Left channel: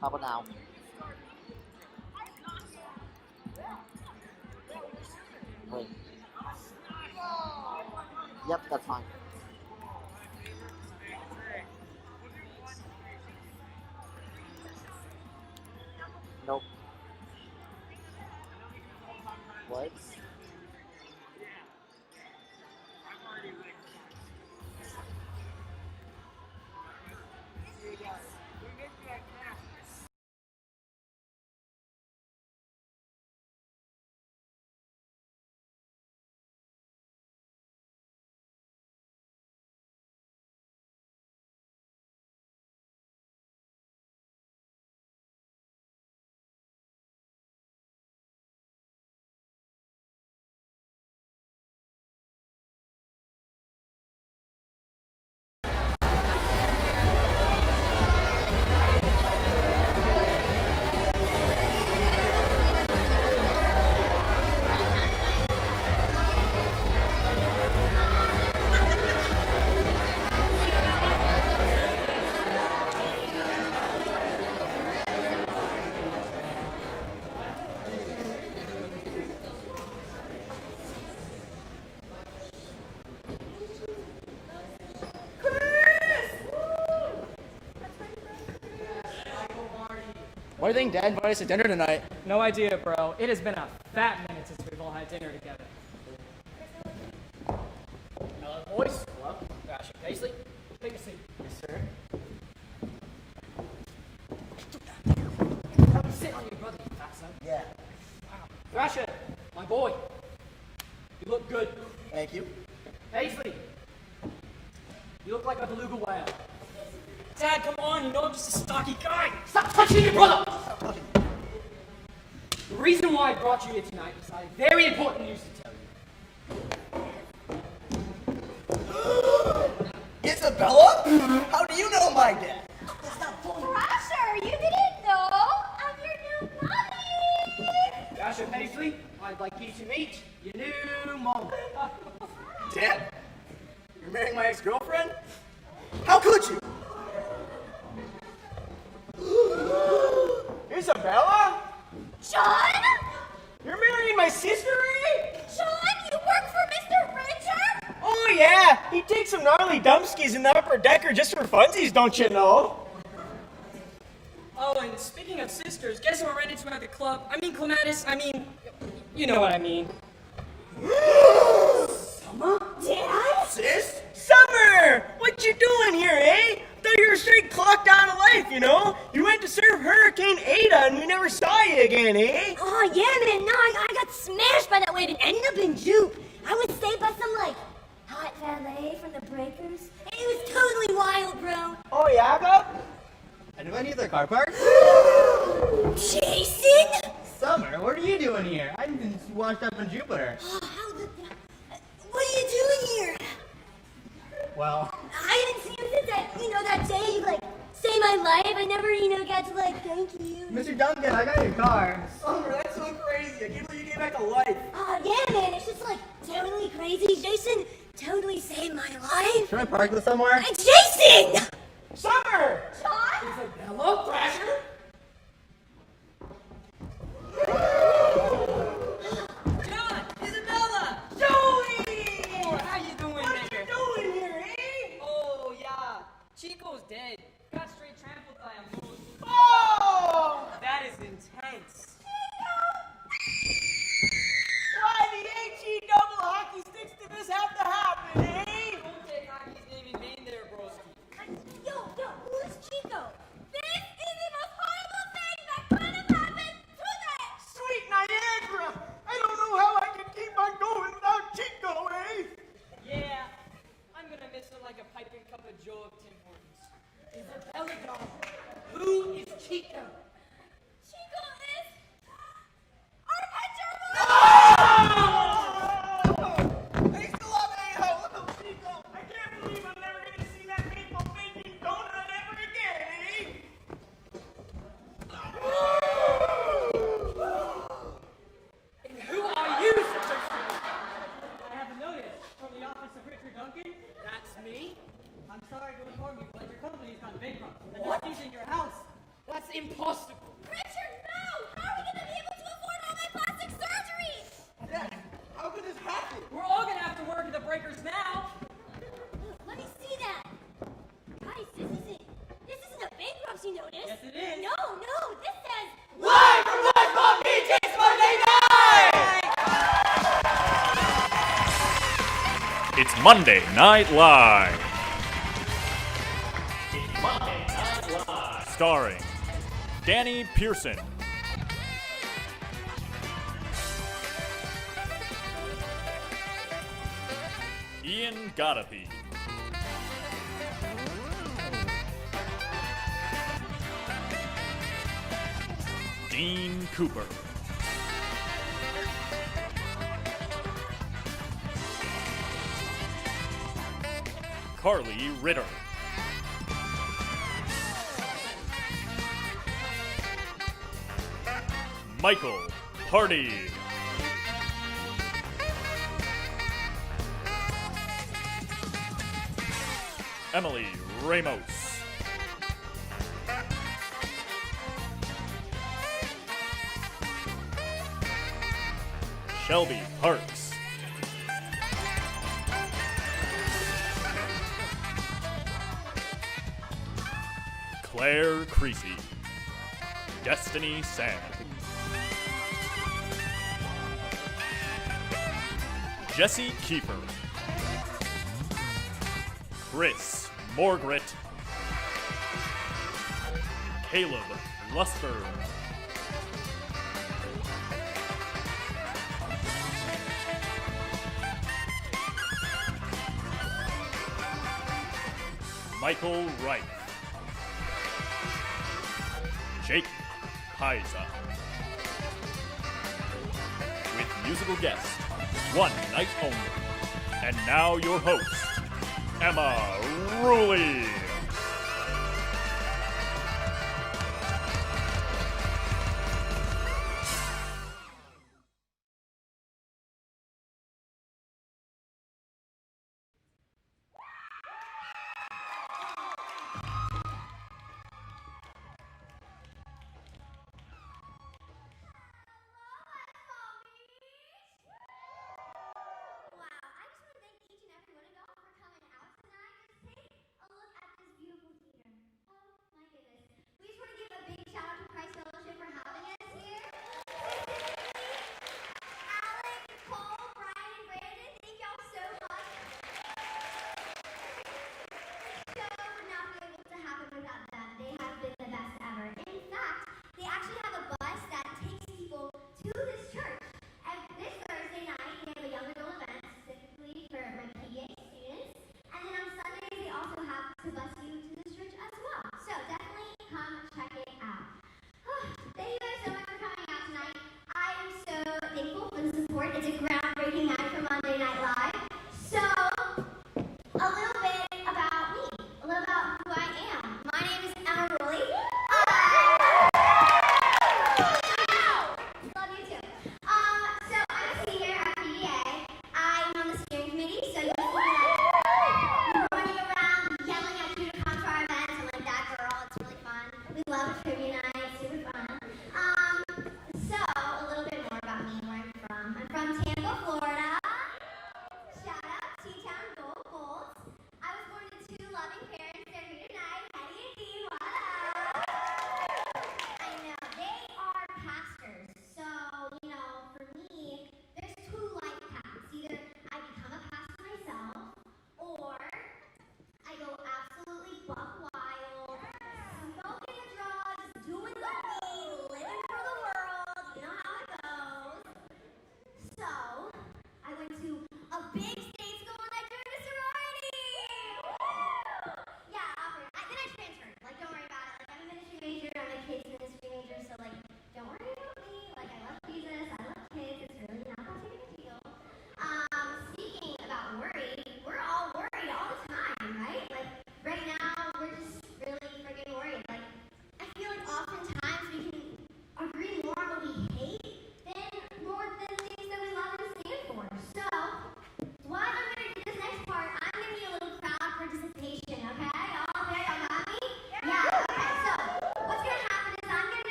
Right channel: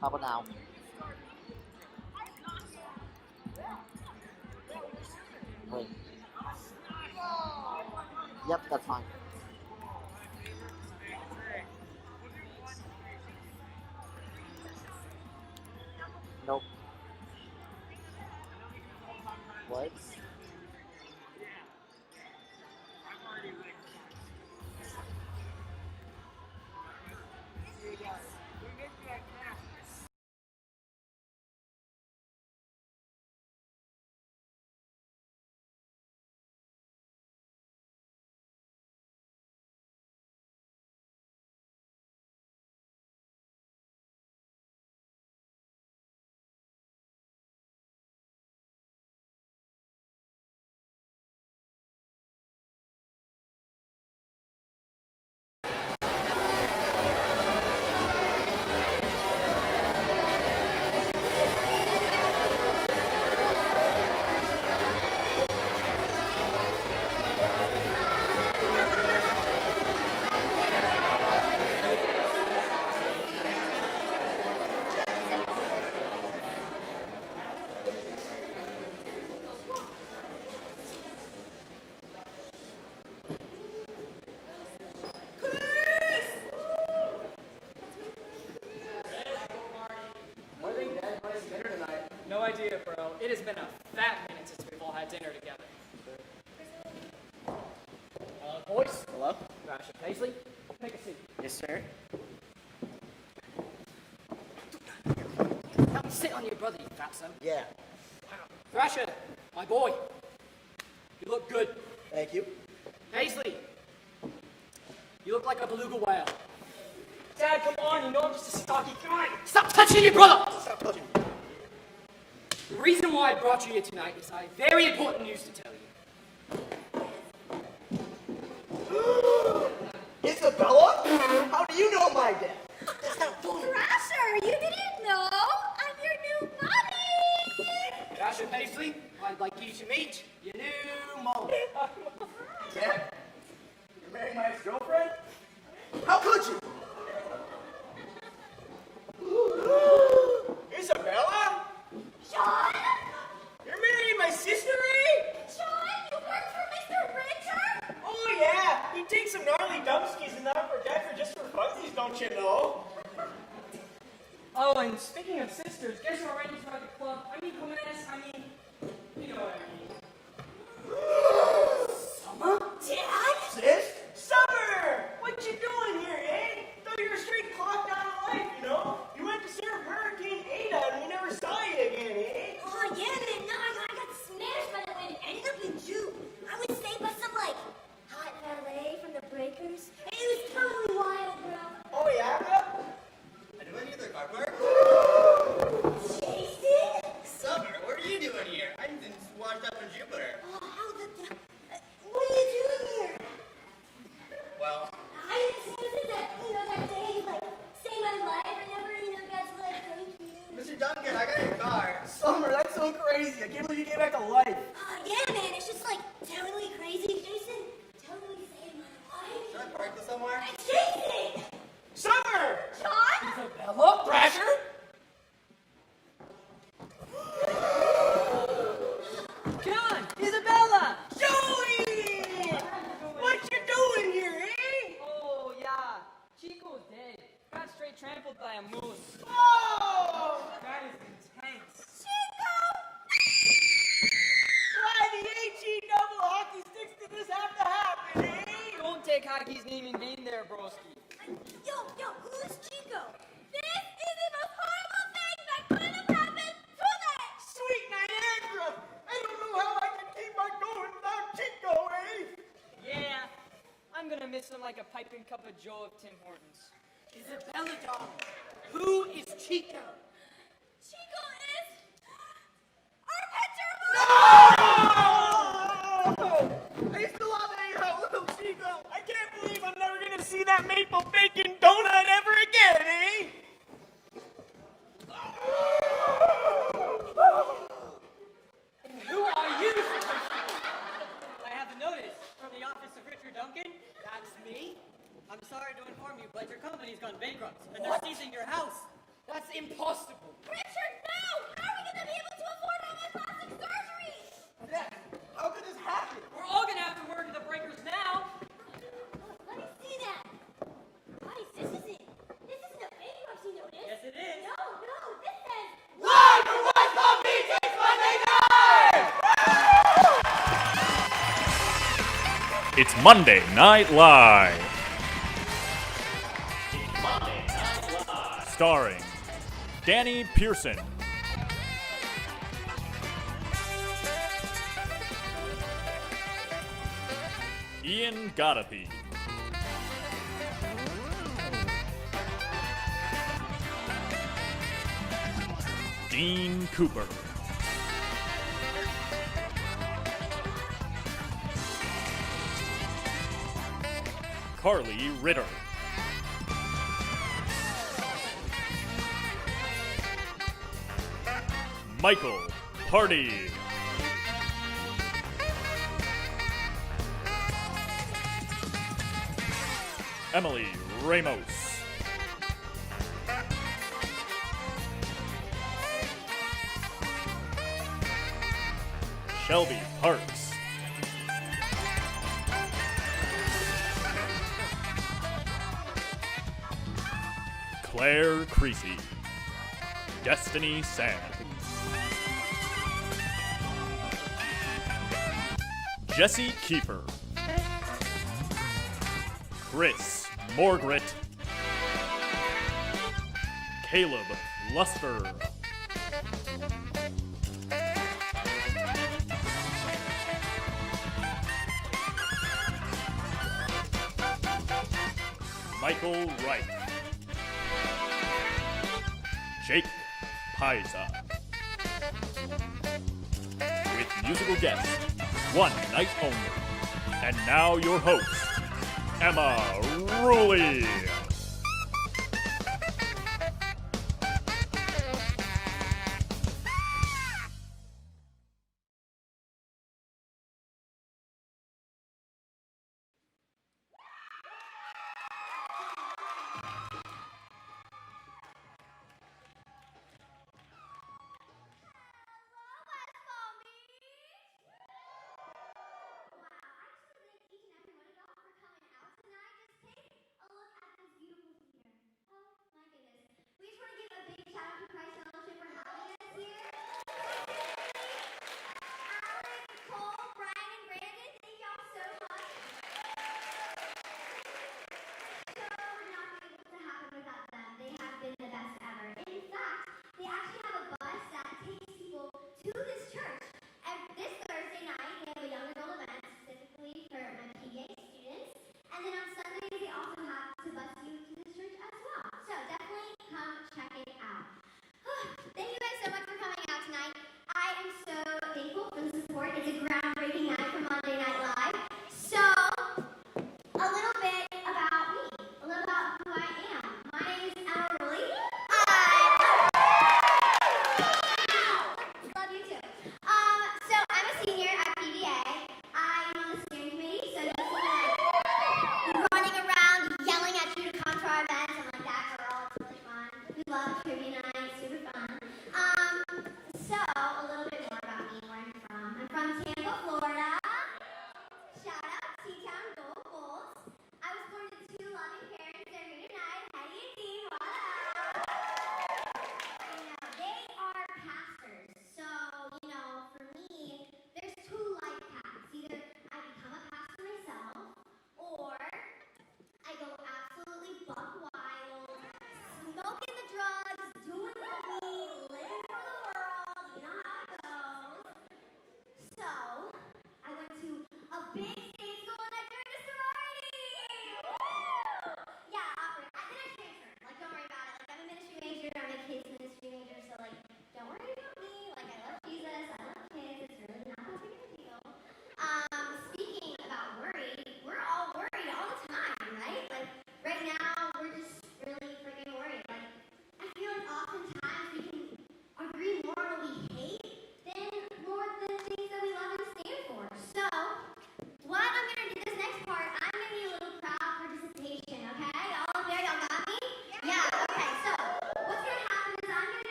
How about now? Wait. Yep, that's fine. Nope. What? Why do you think Dad invited us to dinner tonight? No idea, bro. It has been a fat minute since we've all had dinner together. Hello, boys. Hello? Rasha Paisley, take a seat. Yes, sir. Come sit on your brother, you fatso. Yeah. Rasha, my boy. You look good. Thank you. Paisley, you look like a beluga whale. Dad, come on, you know I'm just a stocky guy. Stop touching your brother! Stop touching me. The reason why I brought you here tonight is I have very important news to tell you. Isabella? How do you know my dad? Crasher, you didn't know? I'm your new mommy! Rasha Paisley, I'd like you to meet your new mom. Dad? You're marrying my ex-girlfriend? How could you? Isabella? Sean? You're marrying my sister, eh? Sean, you work for Mr. Richard? Oh yeah, he takes some gnarly dumpskis in the upper decker just for funsies, don't you know? Oh, and speaking of sisters, guess who I ran into at the club? I mean, Clematis, you know what I mean. Summer? Dad? Sis? Summer! What you doing here, eh? Thought you were straight clocked out of life, you know? You went to serve Hurricane Ada and we never saw you again, eh? Oh, yeah, man, no, I got smashed by that wave and ended up in Jupe. I was saved by some, hot valet from the Breakers. It was totally wild, bro. Oh yeah, bro? Anyone need their car park? Jason? Summer, what are you doing here? I just washed up in Jupiter. Oh, what are you doing here? Well, I didn't see him since that day you, saved my life. I never, got to, thank you. Mr. Duncan, I got your car. Summer, that's so crazy. I can't believe you came back alive. Oh, yeah, man, it's just, totally crazy. Jason totally saved my life. Should I park this somewhere? Jason! Summer! Sean? Hello, Thrasher? John! Isabella! Joey! How you doing What you doing here, eh? Oh, yeah. Chico's dead. Got straight trampled by a moose. Oh! That is intense. Why the HE double hockey sticks did this have to happen, eh? Don't take hockey's name in vain there, broski. Yo, who's Chico? This is the most horrible thing that could have happened to this! Sweet Niagara! I don't know how I can keep on going without Chico, eh? Yeah, I'm gonna miss him like a piping cup of joe of Tim Hortons. Isabella, doll, who is Chico? Chico is our pet gerbil! No! I used to love hanging out with little Chico. I can't believe I'm never gonna see that maple bacon donut ever again, eh? And who are you, Mr. I have a notice from the office of Richard Duncan. That's me. I'm sorry to inform you, but your company's gone bankrupt, and they're seizing your house. That's impossible. It's Monday Night Live. Starring Danny Pearson, Ian Godothy, Dean Cooper, Carly Ritter, Michael Hardy, Emily Ramos, Shelby Parks, Claire Creasy, Destiny Sand, Jesse Kiefer, Chris Morgret, Caleb Luster, Michael Wright, Jake Paiza, with musical guest, one night only. And now your host, Emma Rooley. Wow, I just want to thank each and every one of y'all for coming out tonight. Just take a look at this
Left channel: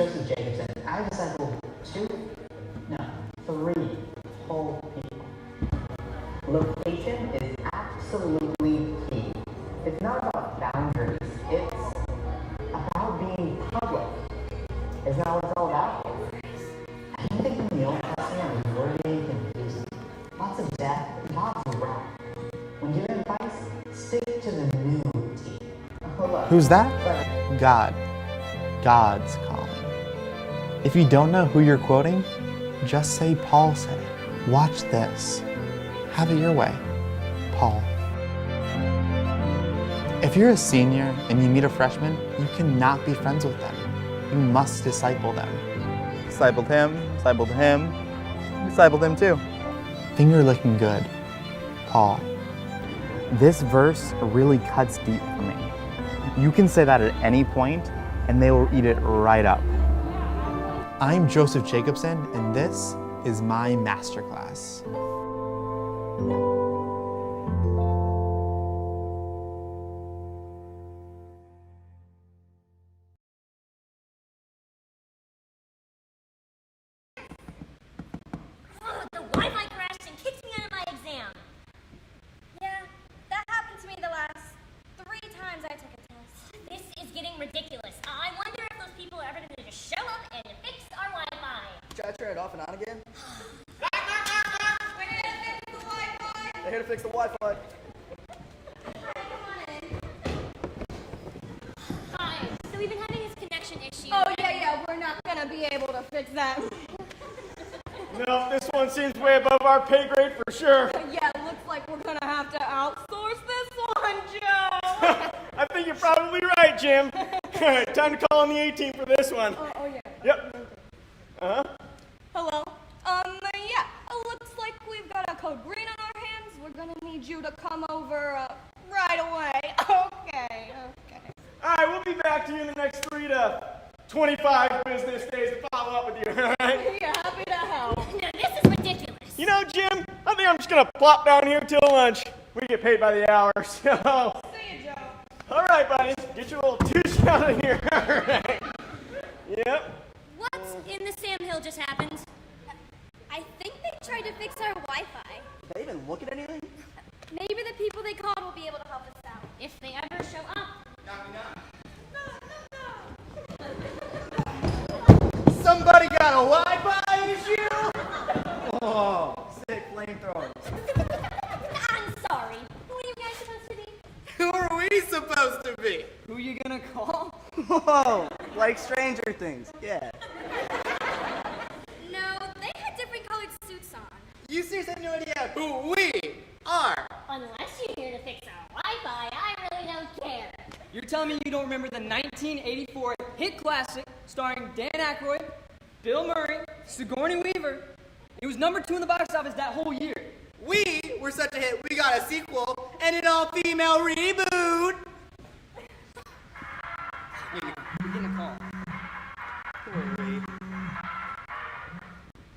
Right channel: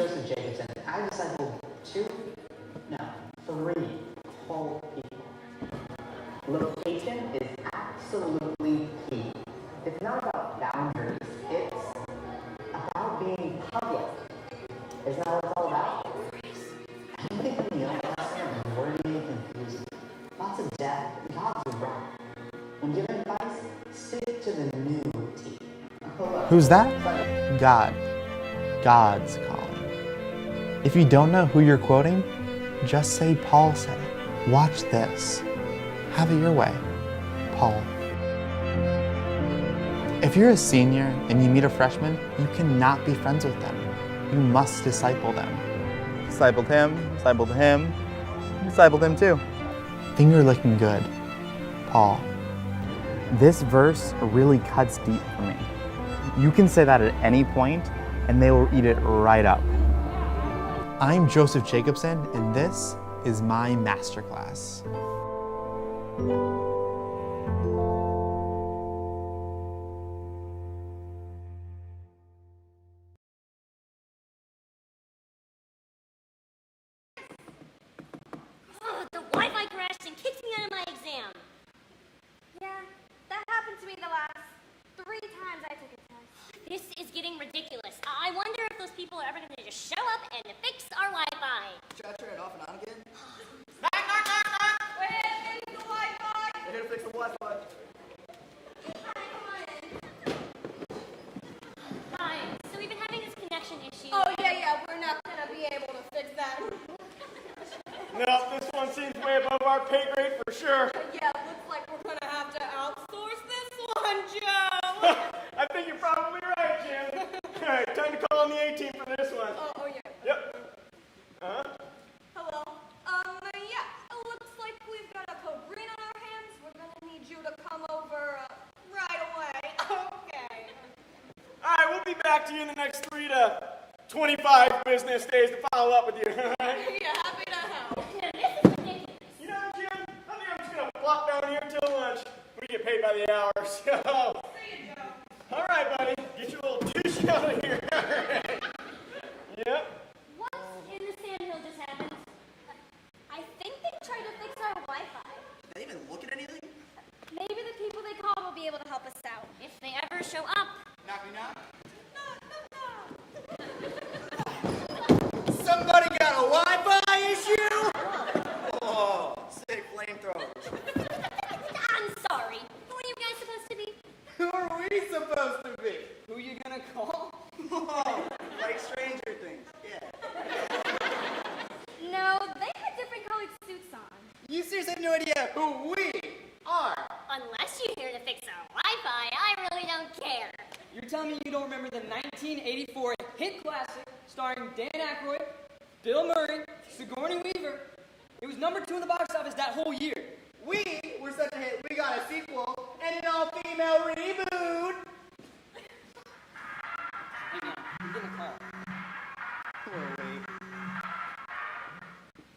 Joseph Jacobson. I've discipled 3 whole people. Location is absolutely key. It's not about boundaries. It's about being public. Isn't that what it's all about? I think in the Old Testament was wordy and confusing. Lots of death and God's wrath. When giving advice, stick to the new T. Who's that? God. God's calling. If you don't know who you're quoting, just say Paul said it. Watch this. Have it your way. Paul. If you're a senior and you meet a freshman, you cannot be friends with them. You must disciple them. Discipled him, discipled him, discipled him too. Finger looking good. Paul. This verse really cuts deep for me. You can say that at any point, and they will eat it right up. I'm Joseph Jacobson, and this is my masterclass. Oh, the Wi-Fi crashed and kicked me out of my exam. Yeah, that happened to me the last 3 times I took a test. This is getting ridiculous. I wonder if those people are ever going to just show up and fix our Wi-Fi. Try to turn it off and on again? We're here to fix the Wi-Fi. They're here to fix the Wi-Fi. Hi. So we've been having this connection issue. Oh, yeah, we're not gonna be able to fix that. No, this one seems way above our pay grade for sure. Yeah, looks like we're gonna have to outsource this one, Joe. I think you're probably right, Jim. Time to call on the A-team for this one. Oh, yeah. Yep. Hello. Yeah, it looks like we've got a code green on our hands. We're gonna need you to come over right away. Okay. All right, we'll be back to you in the next 3 to 25 business days to follow up with you, all right? Yeah, happy to help. Now, this is ridiculous. You know, Jim, I think I'm just going to plop down here till lunch. We get paid by the hour, so... See you, Joe. All right, buddy. Get your little douche out of here. All right. Yep. What in the Sam Hill just happened? I think they tried to fix our Wi-Fi. Did they even look at anything? Maybe the people they called will be able to help us out. If they ever show up. Somebody got a Wi-Fi issue? Oh, sick flamethrower. I'm sorry. Who are you guys supposed to be? Who are we supposed to be? Who are you gonna call? Whoa, like Stranger Things. Yeah. No, they had different colored suits on. You seriously have no idea who we are. Unless you're here to fix our Wi-Fi, I really don't care. You're telling me you don't remember the 1984 hit classic starring Dan Aykroyd, Bill Murray, Sigourney Weaver? It was number 2 in the box office that whole year. We were such a hit, we got a sequel and an all-female reboot. Hang on, I'm getting a call.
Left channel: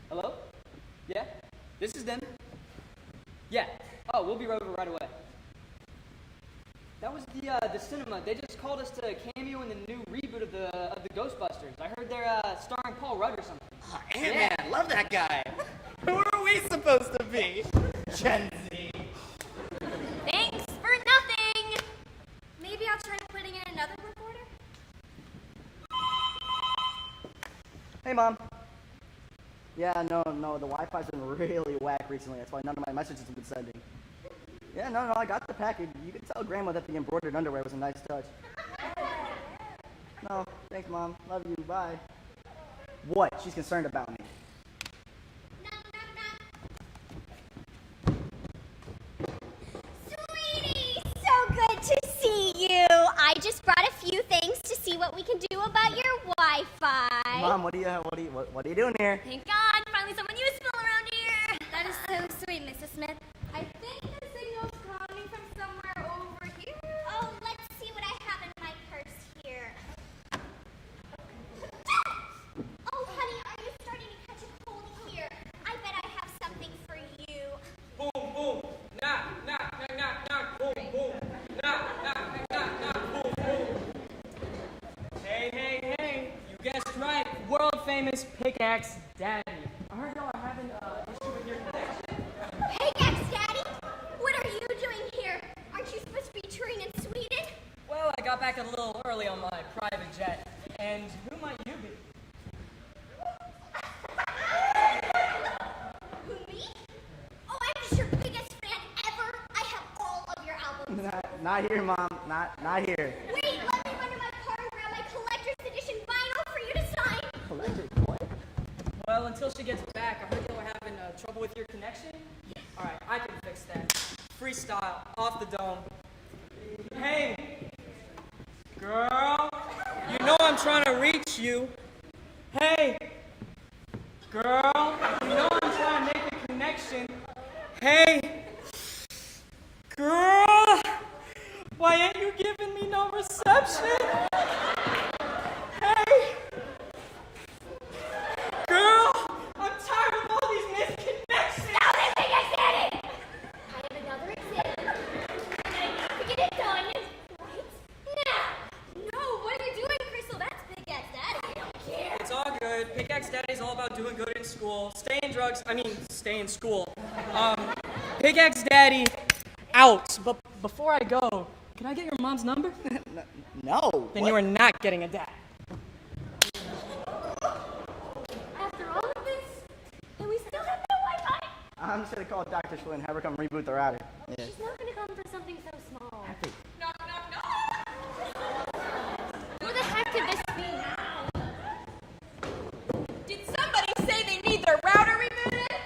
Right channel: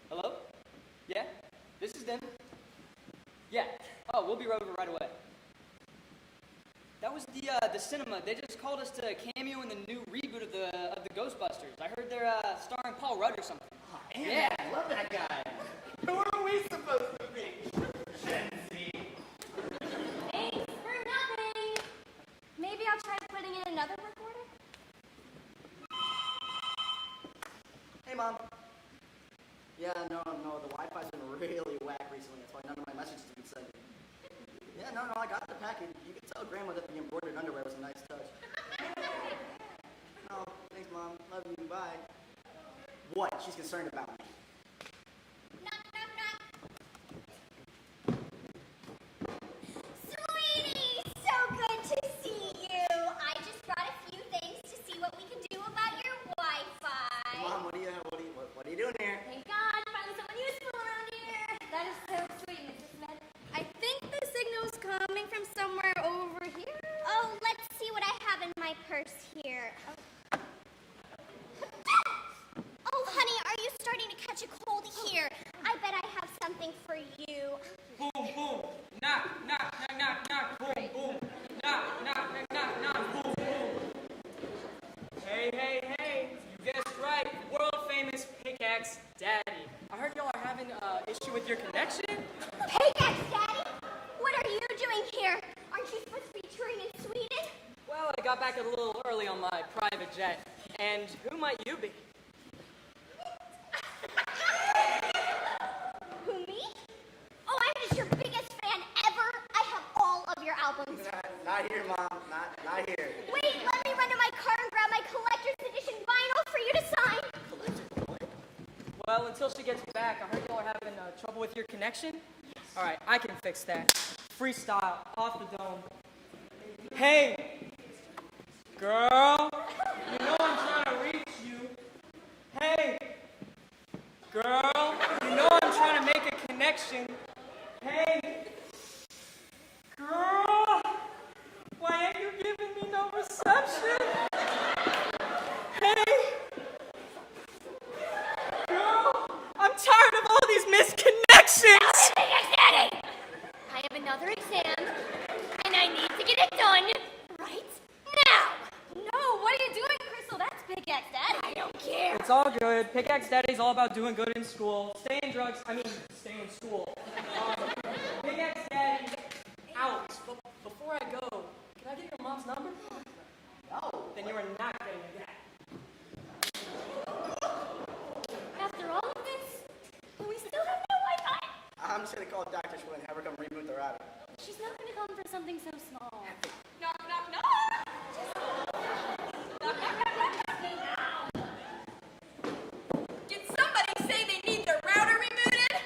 Hello? Yeah? This is them. Yeah. Oh, we'll be over right away. That was the cinema. They just called us to cameo in the new reboot of the Ghostbusters. I heard they're starring Paul Rudd or something. Oh, Ant-Man, love that guy. Who are we supposed to be? Gen Z. Thanks for nothing. Maybe I'll try putting in another recorder. Hey, Mom. Yeah, no, the Wi-Fi's been really whack recently. That's why none of my messages have been sending. Yeah, no, I got the package. You can tell Grandma that the embroidered underwear was a nice touch. No, thanks, Mom. Love you. Bye. What? She's concerned about me. Sweetie, so good to see you. I just brought a few things to see what we can do about your Wi-Fi. Mom, what are you doing here? Thank God, finally someone useful around here. That is so sweet, Mrs. Smith. I think the signal's coming from somewhere over here. Oh, let's see what I have in my purse here. Oh, honey, are you starting to catch a cold here? I bet I have something for you. Boom, boom. Knock, knock, knock, knock, knock. Boom, boom. Knock, knock, knock, knock, knock. Boom, boom. Hey, hey, hey. You guessed right. famous pickaxe daddy. I heard y'all are having an issue with your connection. Pickaxe Daddy? What are you doing here? Aren't you supposed to be touring in Sweden? Well, I got back a little early on my private jet. And who might you be? Who, me? Oh, I'm just your biggest fan ever. I have all of your albums. Not here, Mom. Not here. Wait, let me run to my car and grab my collector's edition vinyl for you to sign. Collector, what? Well, until she gets back, I heard y'all are having trouble with your connection. Yes. All right, I can fix that. Freestyle, off the dome. Hey, girl, you know I'm trying to reach you. Hey, girl, you know I'm trying to make a connection. Hey, girl, why ain't you giving me no reception? Hey, girl, I'm tired of all these misconnections. Pickaxe Daddy! I have another exam, and I need to get it done right now. No, what are you doing, Crystal? That's Pickaxe Daddy. I don't care. It's all good. Pickaxe Daddy's all about doing good in school. Stay in school. Pickaxe Daddy, out. But before I go, can I get your mom's number? No. Then what? you are not getting a dad. After all of this, and we still have no Wi-Fi. I'm just gonna call Dr. Schwinn and have her come reboot the router. Yeah. She's not gonna come for something so small. Knock, knock, knock. Who the heck did this mean? Did somebody say they need their router rebooted?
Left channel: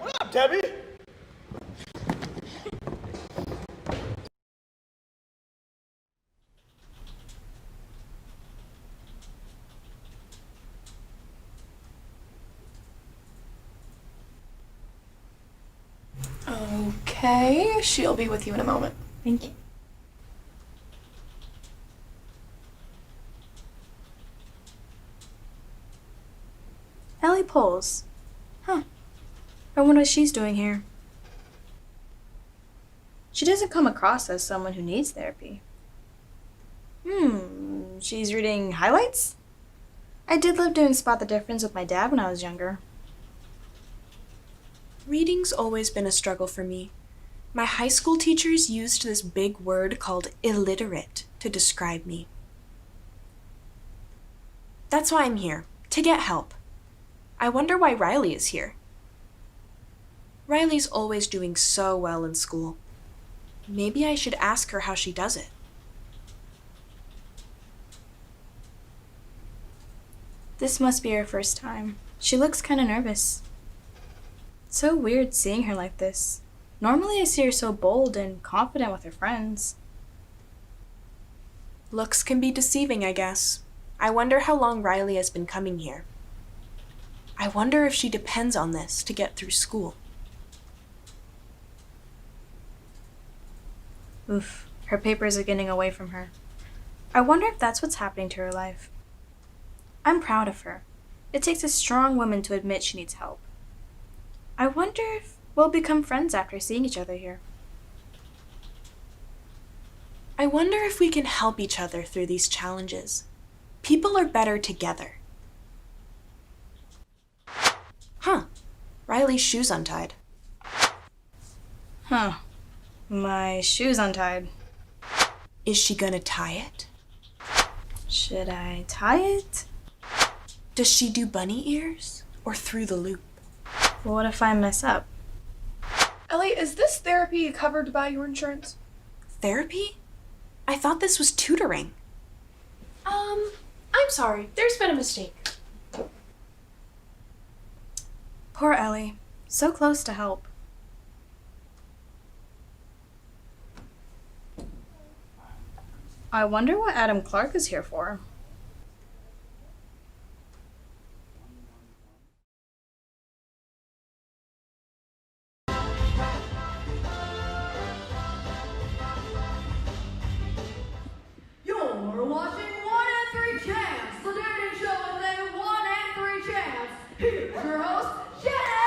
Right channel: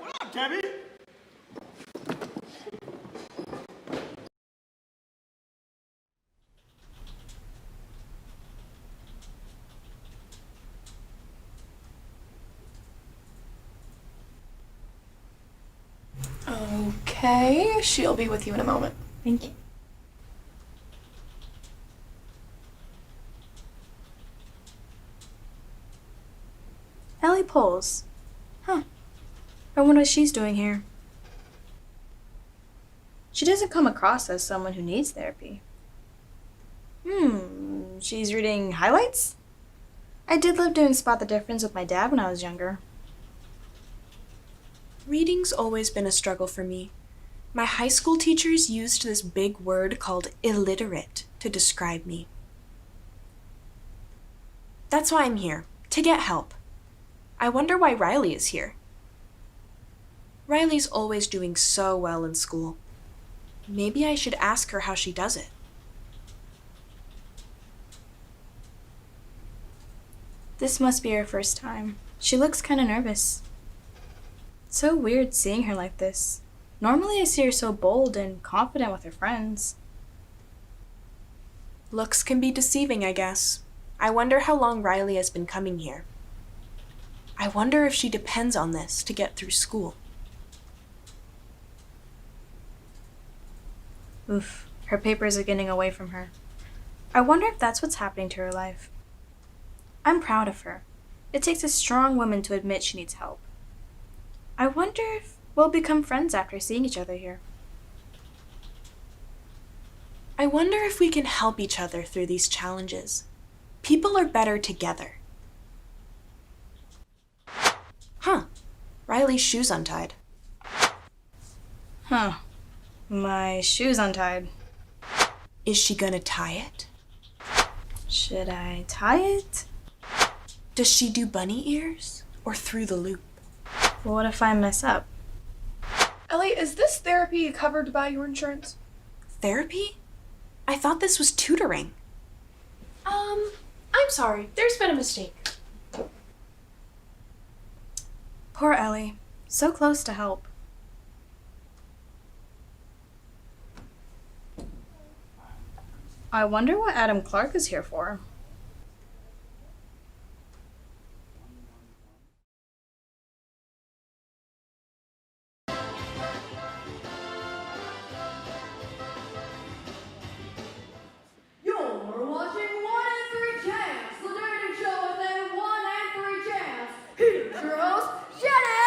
What up, Debbie? Okay, she'll be with you in a moment. Thank you. Ellie Poles. Huh. I wonder what she's doing here. She doesn't come across as someone who needs therapy. She's reading highlights? I did love doing Spot the Difference with my dad when I was younger. Reading's always been a struggle for me. My high school teachers used this big word called illiterate to describe me. That's why I'm here, to get help. I wonder why Riley is here. Riley's always doing so well in school. Maybe I should ask her how she does it. This must be her first time. She looks kind of nervous. It's so weird seeing her like this. Normally I see her so bold and confident with her friends. Looks can be deceiving, I guess. I wonder how long Riley has been coming here. I wonder if she depends on this to get through school. Oof, her papers are getting away from her. I wonder if that's what's happening to her life. I'm proud of her. It takes a strong woman to admit she needs help. I wonder if we'll become friends after seeing each other here. I wonder if we can help each other through these challenges. People are better together. Huh. Riley's shoe's untied. Huh. My shoe's untied. Is she gonna tie it? Should I tie it? Does she do bunny ears or through the loop? Well, what if I mess up? Ellie, is this therapy covered by your insurance? Therapy? I thought this was tutoring. I'm sorry. There's been a mistake. Poor Ellie. So close to help. I wonder what Adam Clark is here for. You're watching 1 and 3 Chance, the dating show with a 1 and 3 chance. Here's your host, Jenny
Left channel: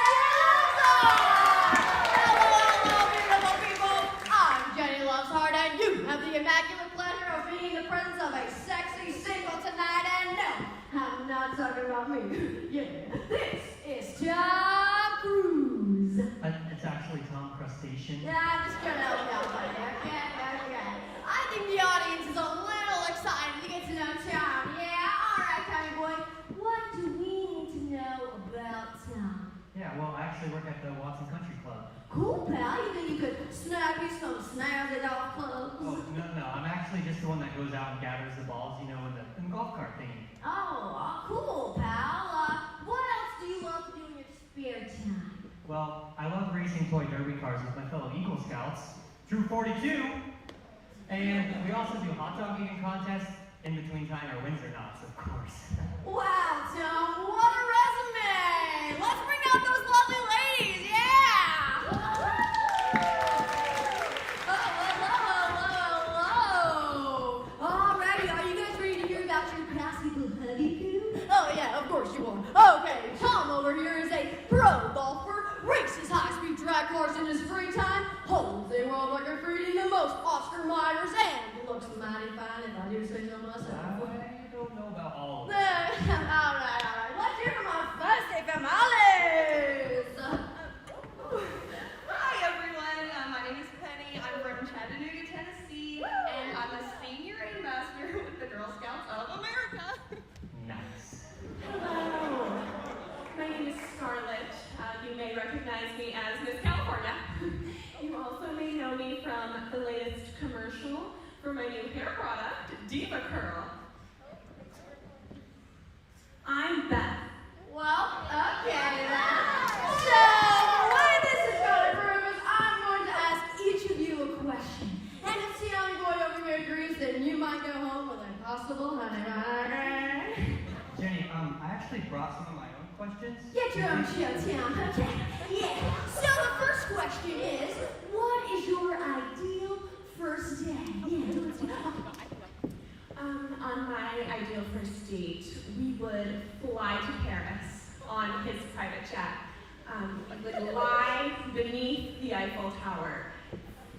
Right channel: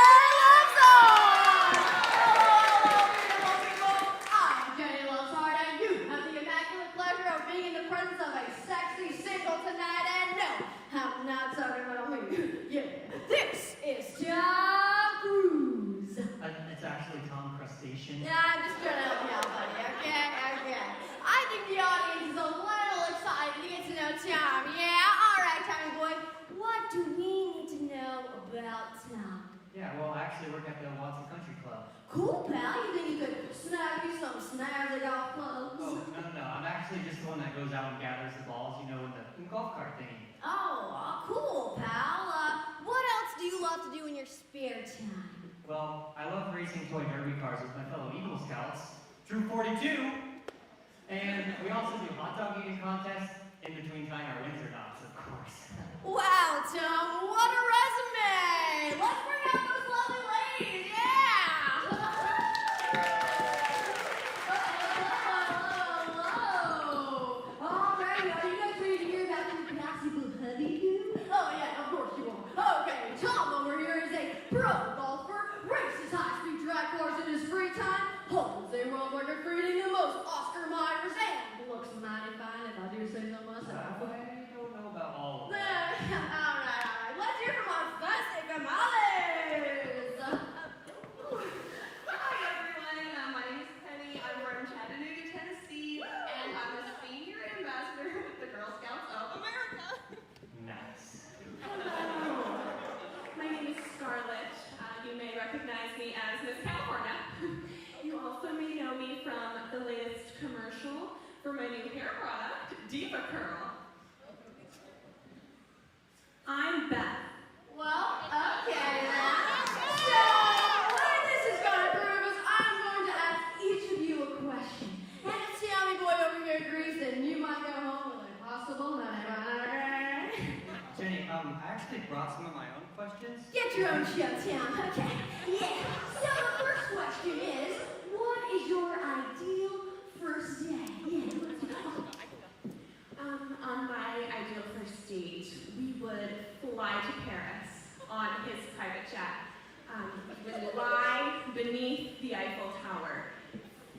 Lovesheart! Hello, beautiful people. I'm Jenny Lovesheart, and you have the immaculate pleasure of being in the presence of a sexy singer and gathers the balls, you know, in the golf cart thingy. Oh, cool, pal. What else do you love to do in your spare time? Well, I love racing toy derby cars with my fellow Eagle Scouts, Troop 42, and we also do hot dog eating contests in between tying our Windsor knots, of course. Wow, Tom, what a resume! Let's bring out those lovely ladies, yeah! Hello. Alrighty, are you guys ready to hear about your classical hubby? Oh yeah, of course you are. Okay, Tom over here is a pro golfer, races high-speed drag cars in his free time, holds a world record for eating the most Oscar Myers, and looks mighty fine if I do say so myself. I don't know about all of All that. right. Let's hear from our first tamales. Hi everyone, my name is Penny. I'm from Chattanooga, Tennessee, and I'm a senior ambassador with the Girl Scouts of America. Nice. Hello. My name is Scarlett. You may recognize me as Miss California. You also may know me from the latest commercial for my new hair product, Diva Curl. I'm Beth. Well, okay then. So, what this is going to prove is I'm going to ask each of you a question. And if Sammy Boy over here agrees, then you might go home with a possible honey bun. Jenny, I actually brought some of my own questions. Get your own show, Tom. Okay. Yeah. So the first question is, what is your ideal first day? Yeah. On my ideal first date, we would fly to Paris on his private jet. We would lie beneath the Eiffel Tower,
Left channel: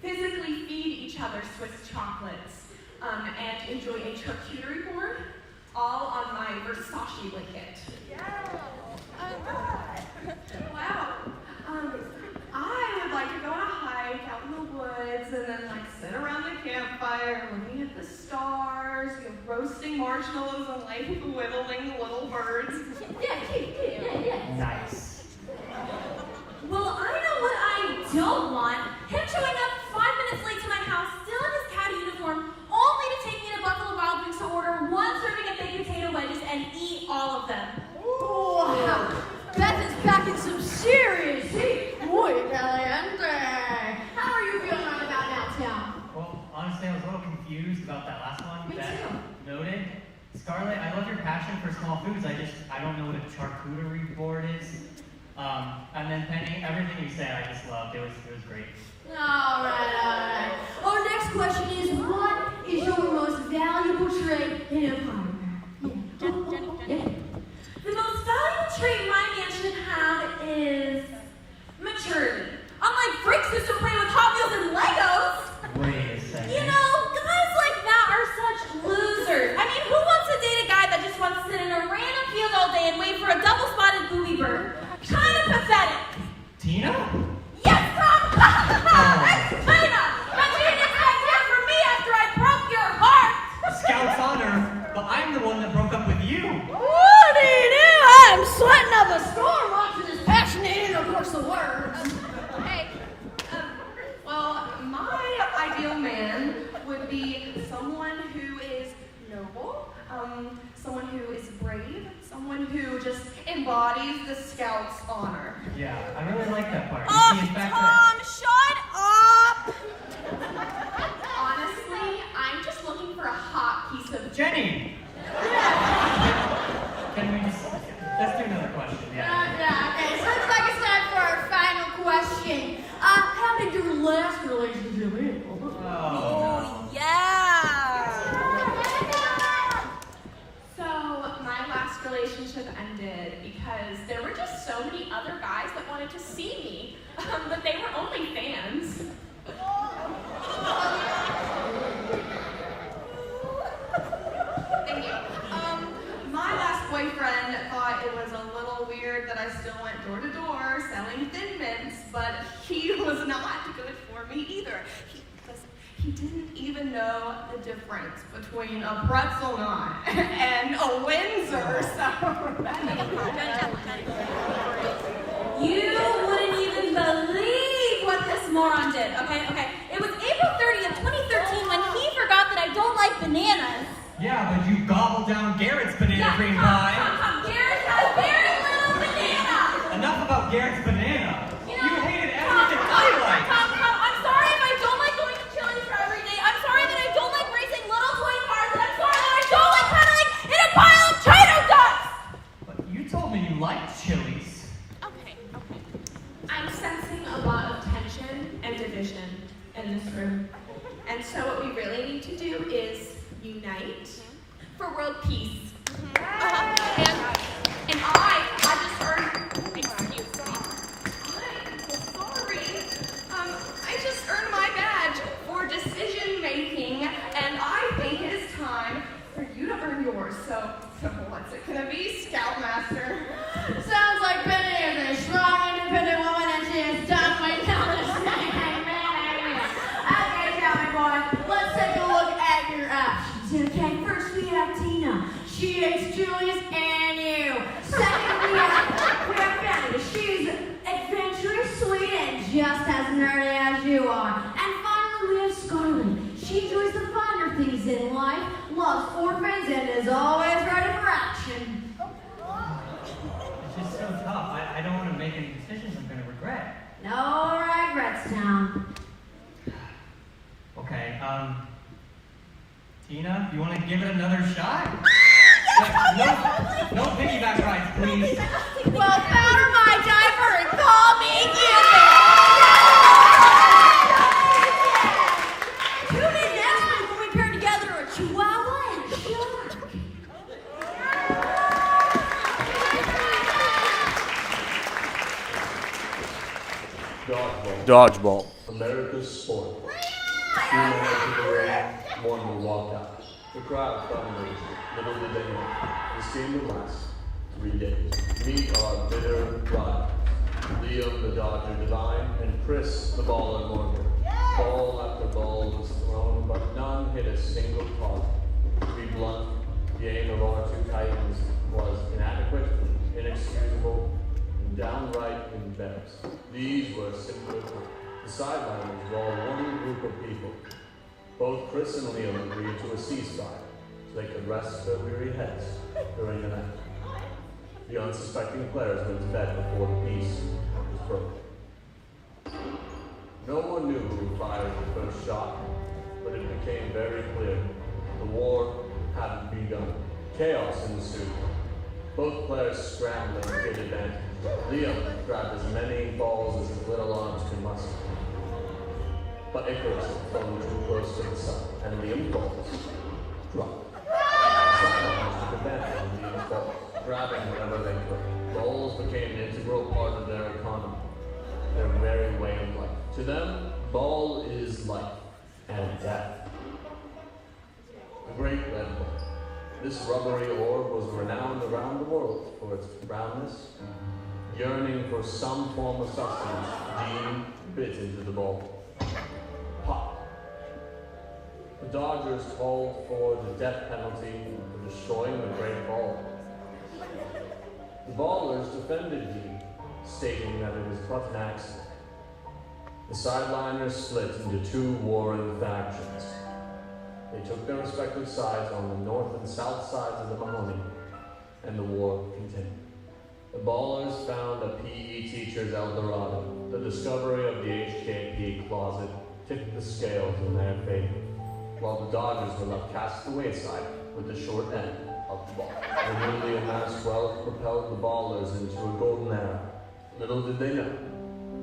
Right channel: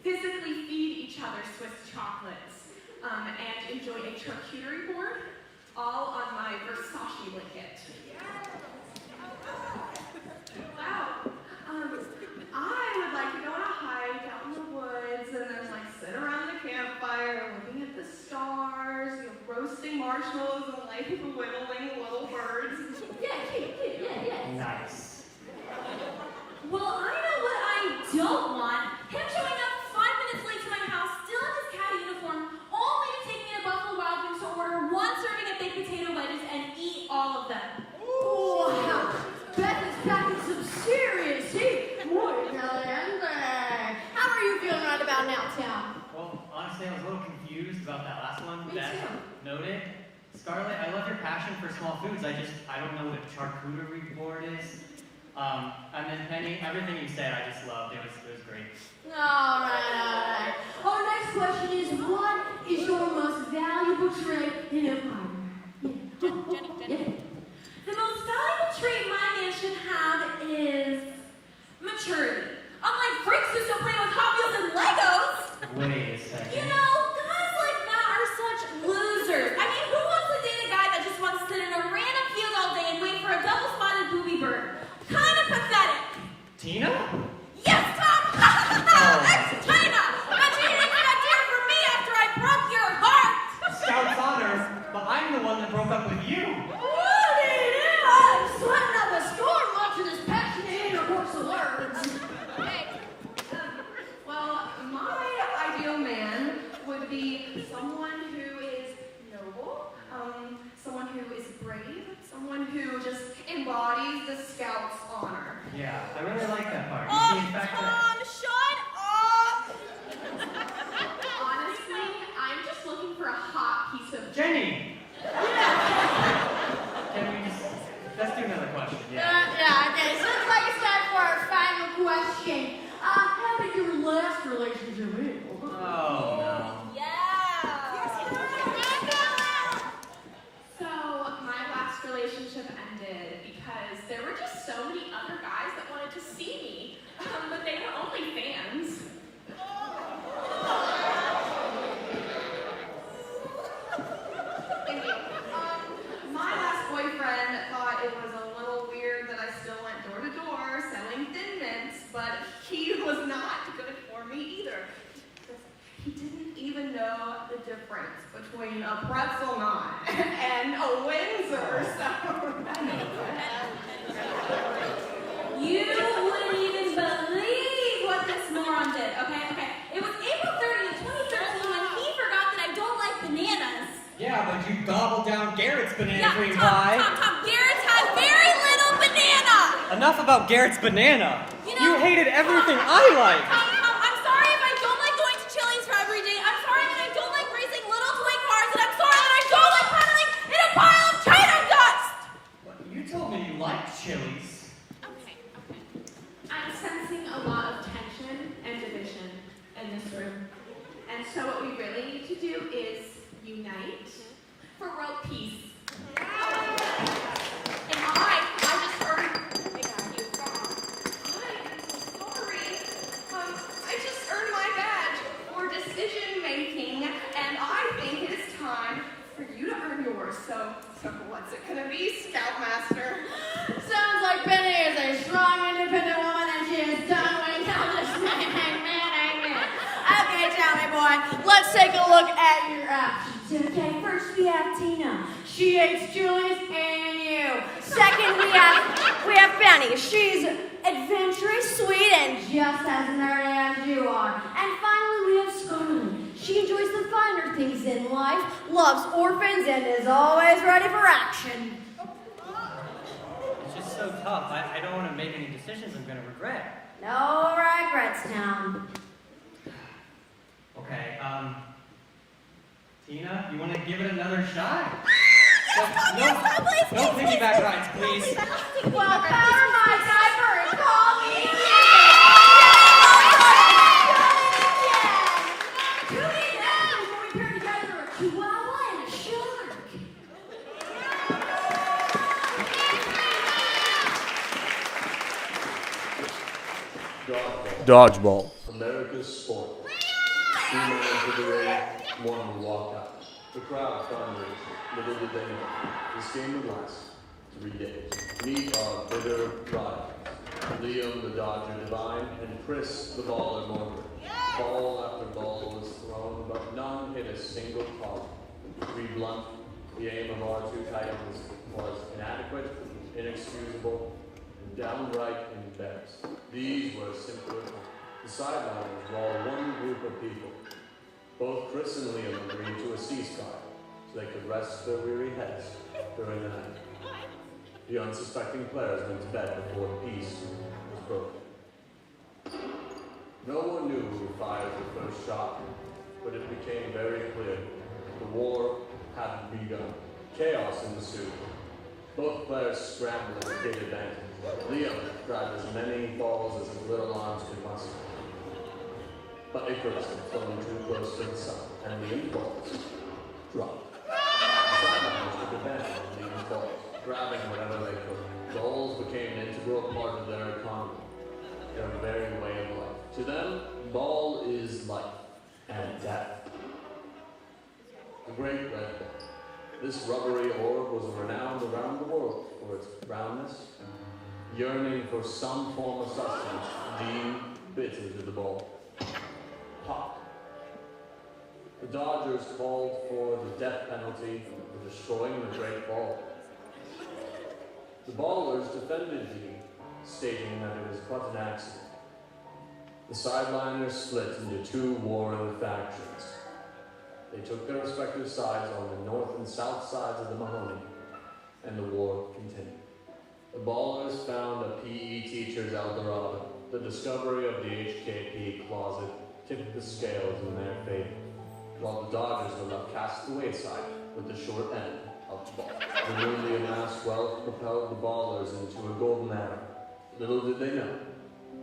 physically feed each other Swiss chocolates, and enjoy a charcuterie board, all on my Versace blanket. Wow. I would like to go on a hike out in the woods and then like sit around the campfire looking at the stars, roasting marshmallows and like whittling little birds. Yeah. Nice. Well, I know what I don't want. Him showing up 5 minutes late to my house, still in his caddy uniform, only to take me to Buffalo Wild Wings to order one serving of baked potato wedges and eat all of them. Wow. Beth is packing some serious heat. Muy caliente. How are you feeling right about now, Tom? Well, honestly, I was a little confused about that last one. Me that too. Noted. Scarlett, I love your passion for small foods. I don't know what a charcuterie board is. And then Penny, everything you said, I just loved. It was great. All right. Our next question is, what is your most valuable trait in a partner? The most valuable trait my man should have is maturity. Unlike freaks who still play with Hot Wheels and Legos. Wait a second. You know, guys like that are such losers. I mean, who wants to date a guy that just wants to sit in a random field all day and wait for a double-spotted booby bird? Kind of pathetic. Tina? Yes, Tom! That's Tina! But you didn't expect her from me after I broke your heart! Scout's honor, but I'm the one that broke up with you. What do you do? I'm sweating up a storm watching this passionate intercourse of words. Hey, well, my ideal man would be someone who is noble, someone who is brave, someone who just embodies the Scout's honor. Yeah, I really like that part. Oh, You see, in fact, Tom, shut up! Honestly, I'm just looking for a hot piece of Jenny! Can we just... Let's do another question, Okay, so looks like it's time for our final question. How did your last relationship end? Oh, Yeah! So, my last relationship ended because there were just so many other guys that wanted to see me, but they were only fans. Thank you. My last boyfriend thought it was a little weird that I still went door to door selling Thin Mints, but he was not good for me either. He didn't even know the difference between a pretzel knot and a Windsor, so that never You wouldn't even believe what this moron did, okay? It was April 30th, 2013 when he forgot that I don't like bananas. Yeah, but you gobbled down Garrett's banana cream Tom, pie. Tom, Garrett's has very little banana. Enough about Garrett's banana. You hated everything I liked. Tom, I'm sorry if I don't like going to Chili's for every day. I'm sorry that I don't like racing little toy cars, and I'm sorry that I don't like cuddling in a pile of China dust. You told me you liked Chili's. Okay. I'm sensing a lot of tension and division in this room. And so what we really need to do is unite for world peace. And I just earned, excuse me, I am so sorry. I just earned my badge for decision making, and I think it is time for you to earn yours. So what's it gonna be, Scoutmaster? Sounds like Penny is a strong, independent woman, and she is done with all this. Okay, tell me, boy. Let's take a look at your options. Okay, first we have Tina. She hates Julius and you. Second, we have Penny. She's adventurous, sweet, and just as nerdy as you are. And finally, we have Scarlet. She enjoys the finer things in life, loves orphans, and is always ready for action. It's just so tough. I don't want to make any decisions I'm going to regret. No regrets, Tom. Okay, Tina, you want to give it another shot? No piggyback rides, please. Well, powder my diaper and call me Who did that when we paired together a chihuahua and a shark? Dodgeball. America's sport. 2 men entered the ring, 1 will walk out. The crowd thundered. Little did they know, this game would last 3 days. We are bitter rivals. Liam, the Dodger Divine, and Chris, the Baller Morgan. Ball after ball was thrown, but none hit a single target. To be blunt, the aim of our 2 Titans was inadequate, inexcusable, and downright embarrassing. These were simply the sideliners were all one group of people. Both Chris and Liam agreed to a ceasefire so they could rest their weary heads during the night. The unsuspecting players went to bed before the peace was broken. No one knew who fired the first shot, but it became very clear the war had begun. Chaos ensued. Both players scrambled and gained advantage. Liam grabbed as many balls as his little arms could muster. But Icarus had flown too close to the sun, and Liam's balls dropped. Sideliners took advantage of Liam's balls, grabbing whatever they could. Balls became an integral part of their economy, their very way of life. To them, ball is life and death. The great red ball. This rubbery orb was renowned around the world for its brownness, yearning for some form of sustenance. Gene bit into the ball. Pop. The Dodgers called for the death penalty for destroying the great ball. The Ballers defended Gene, stating that it was but an accident. The sideliners split into 2 warring factions. They took their respective sides on the north and south sides of the Mahoney, and the war continued. The Ballers found a PE teacher's Eldorado. The discovery of the HKP closet tipped the scales in their favor, while the Dodgers were left cast away side with the short end of the ball. The newly amassed wealth propelled the Ballers into a golden era. Little did they know,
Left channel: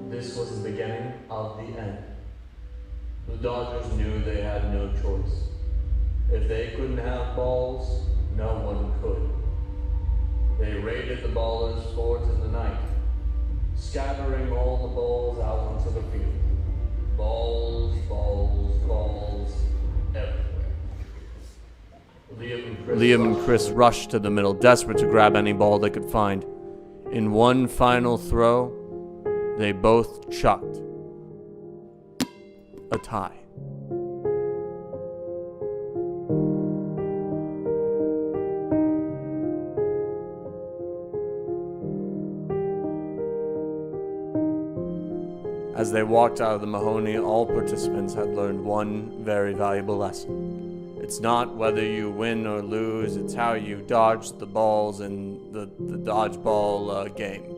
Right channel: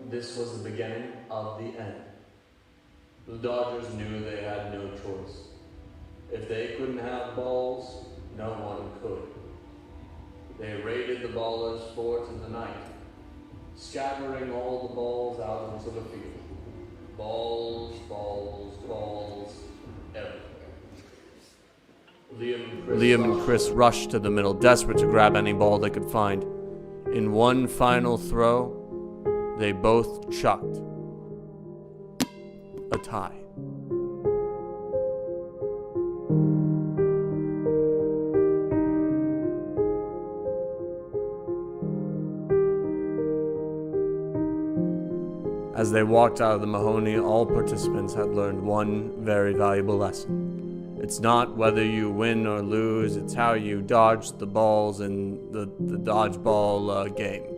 this was the beginning of the end. The Dodgers knew they had no choice. If they couldn't have balls, no one could. They raided the Ballers' fort in the night, scattering all the balls out onto the field. Balls, balls, balls, everywhere. Liam and Chris rushed to the middle, desperate to grab any ball they could find. In one final throw, they both chucked a tie. As they walked out of the Mahoney, all participants had learned one very valuable lesson. It's not whether you win or lose, it's how you dodge the balls in the dodgeball game.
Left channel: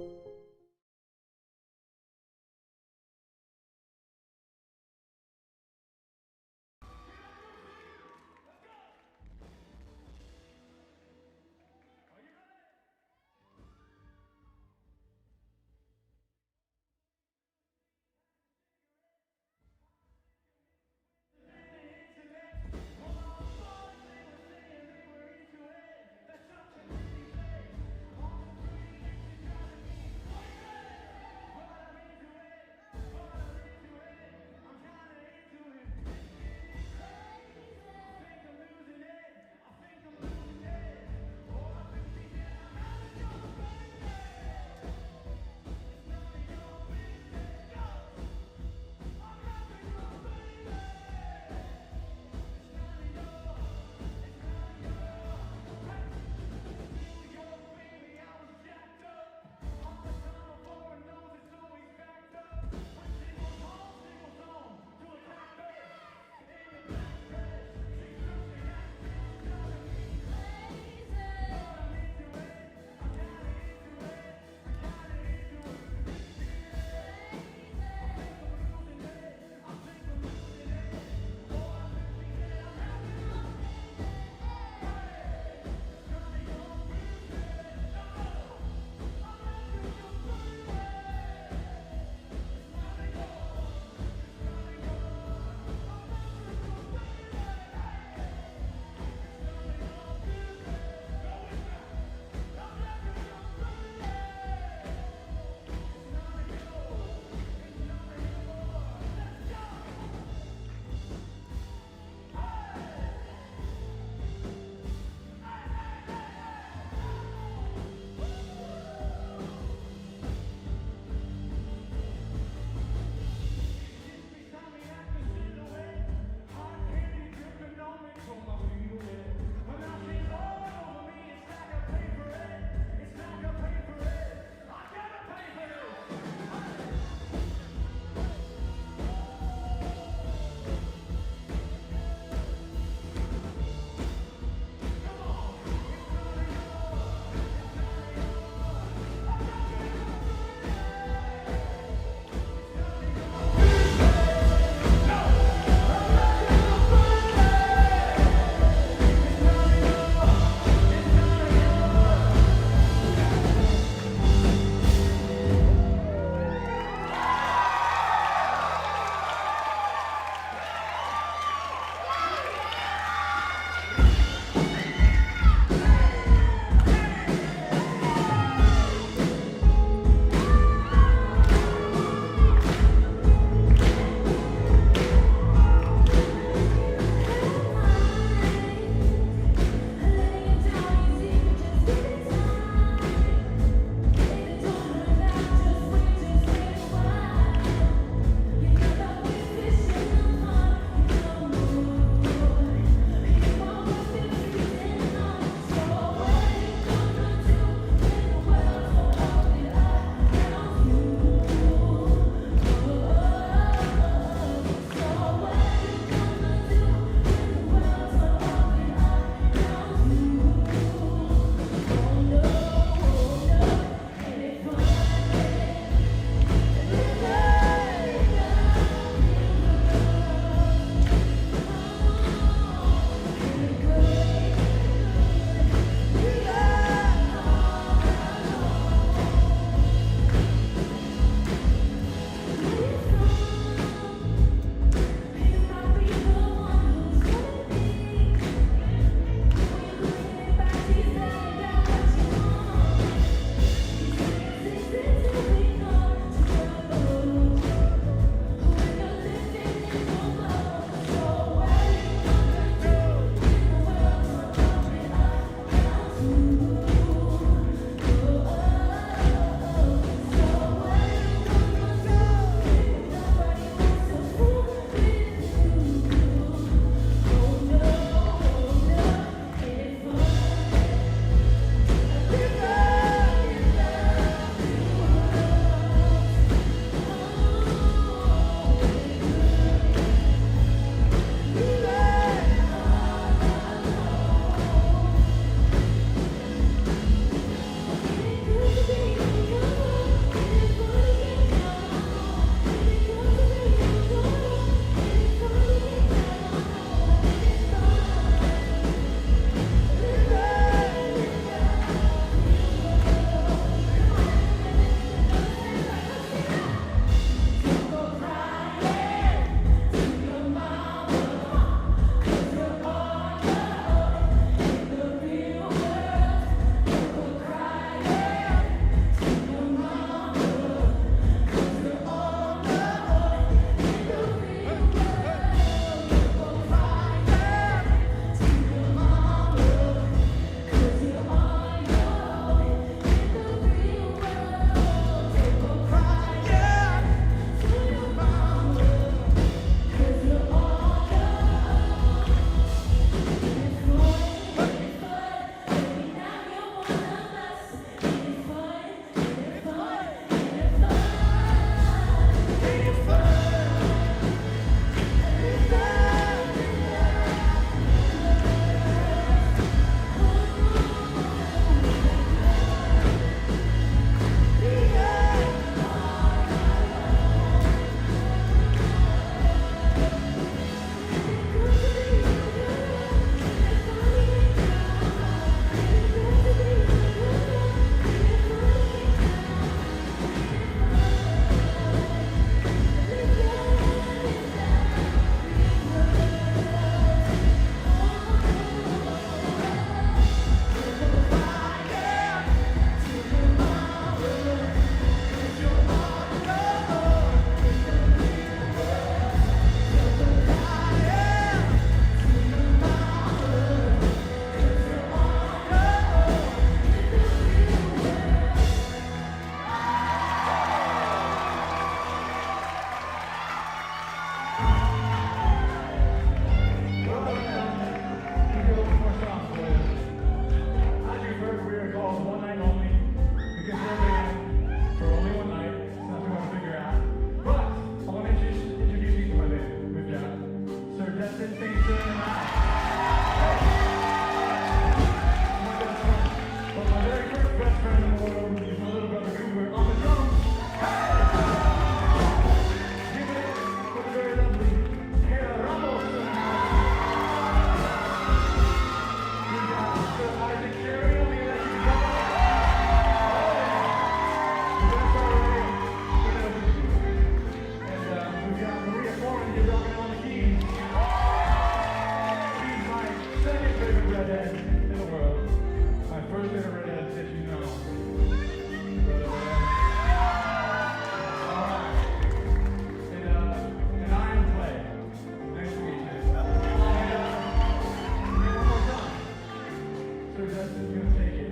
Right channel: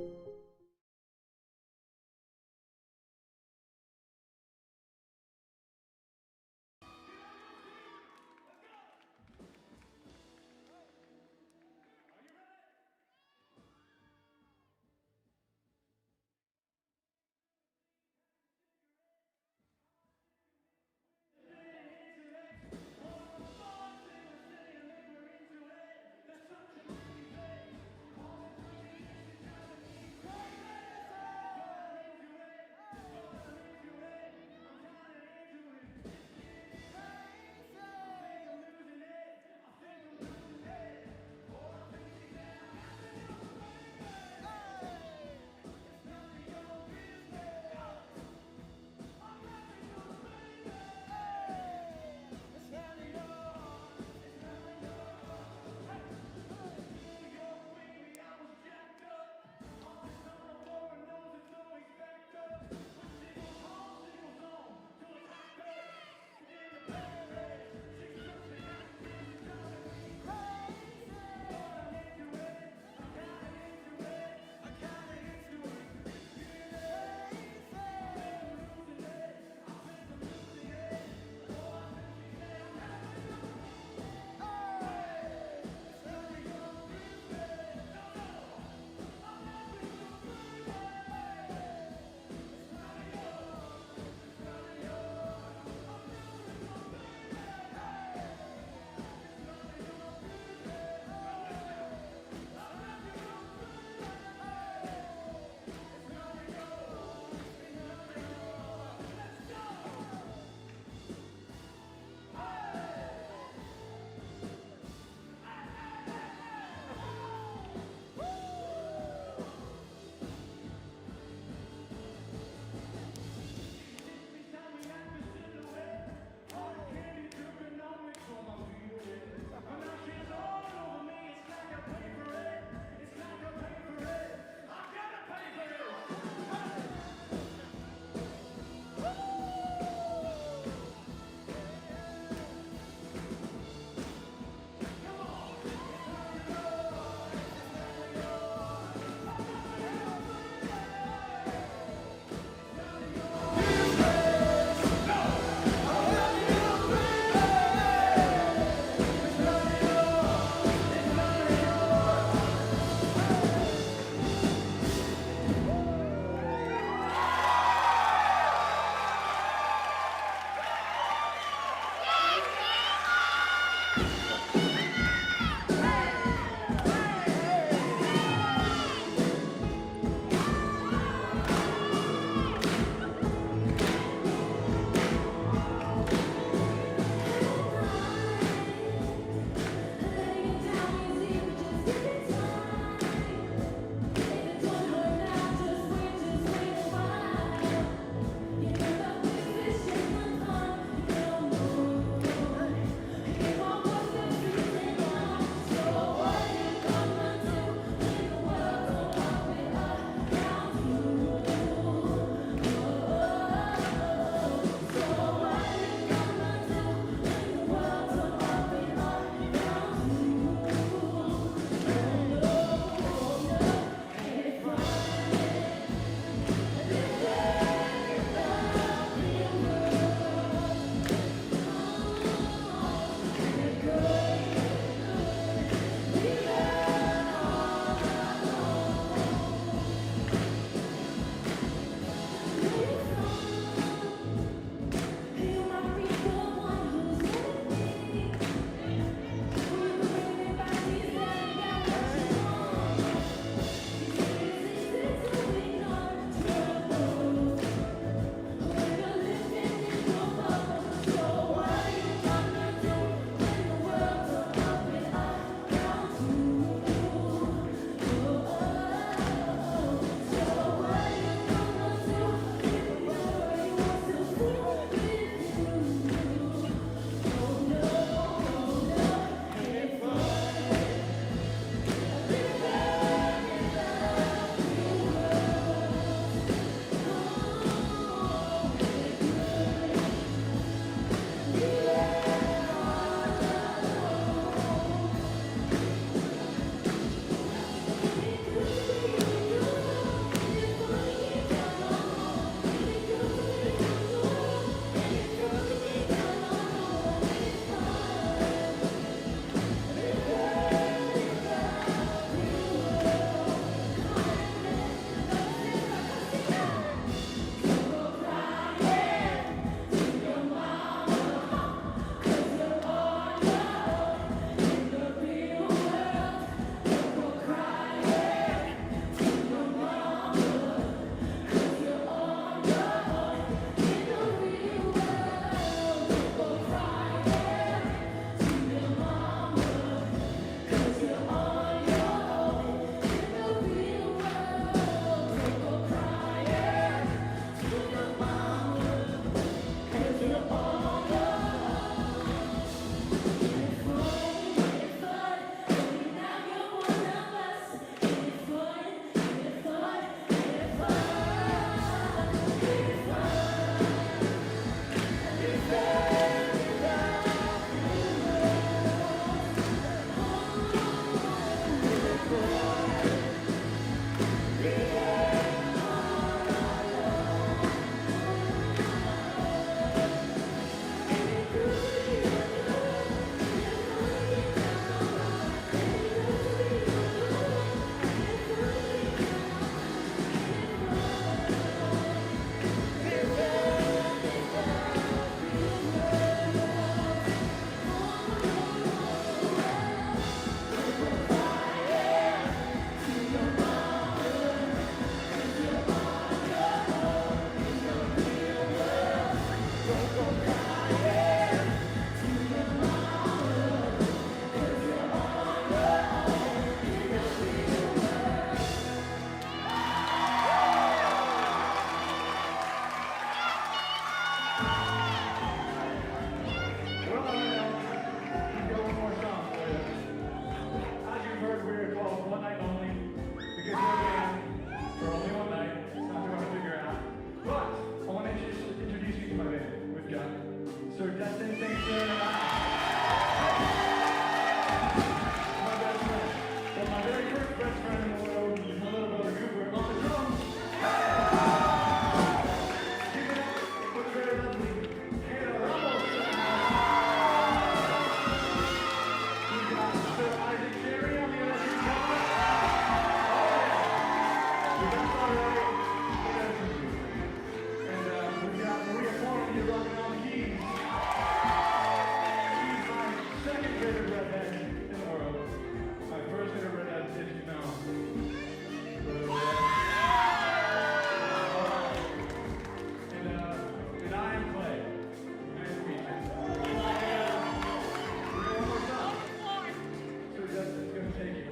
whatever dress is gonna take it.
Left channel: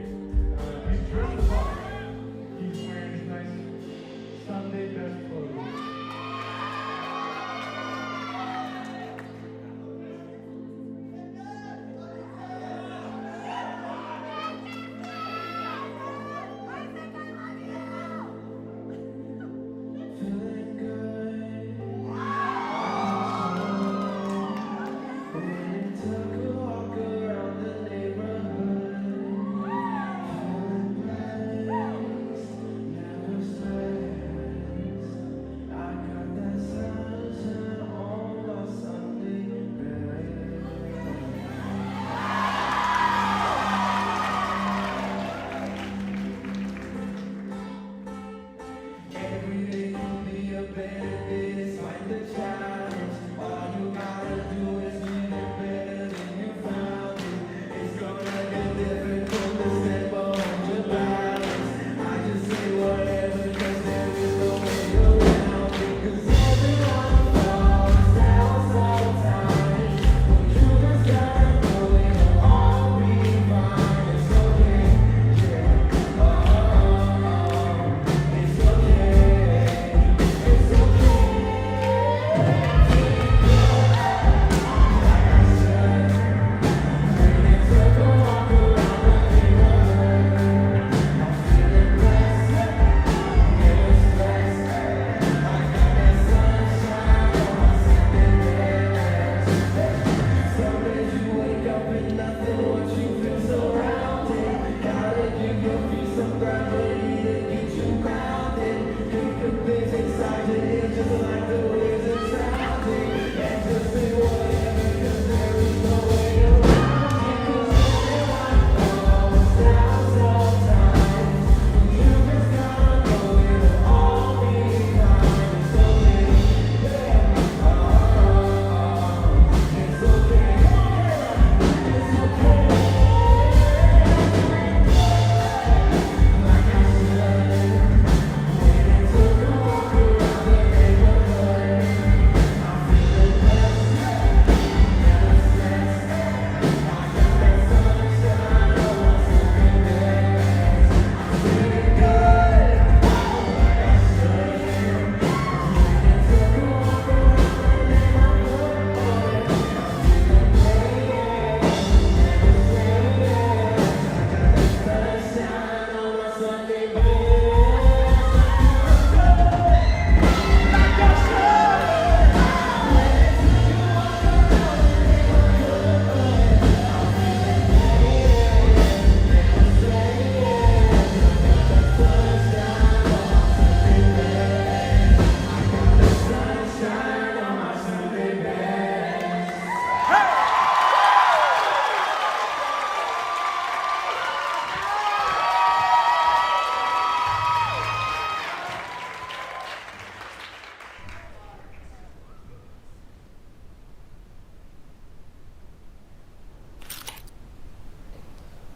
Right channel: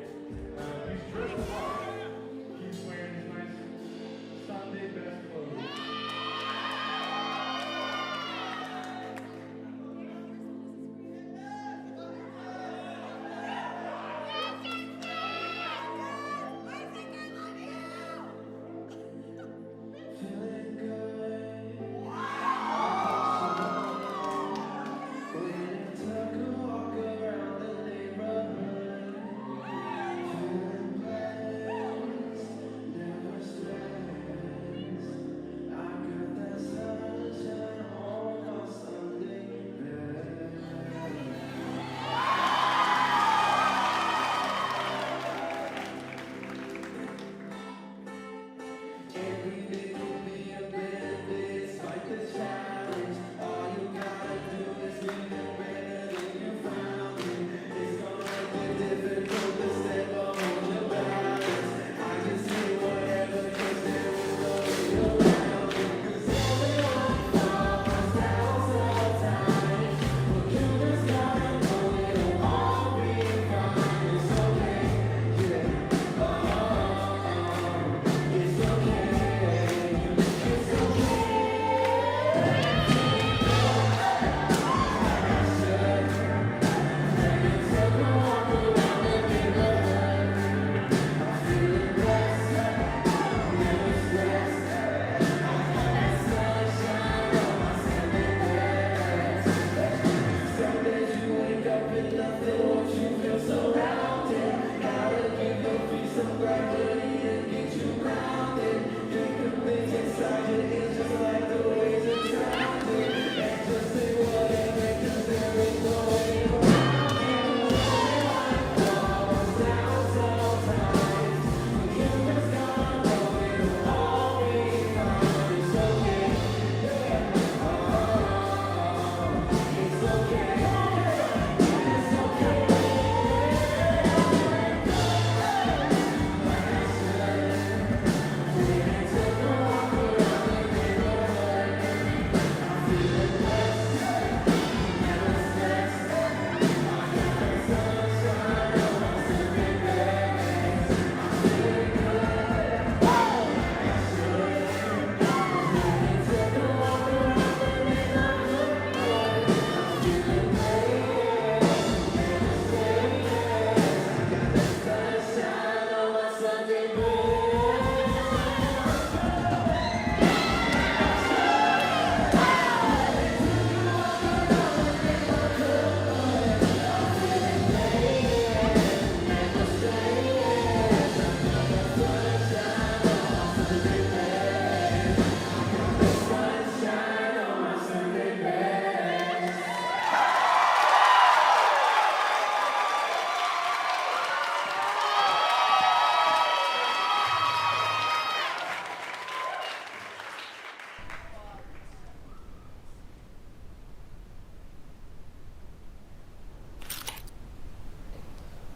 He's dressed the part. He's wearing his nice Sunday best clothes.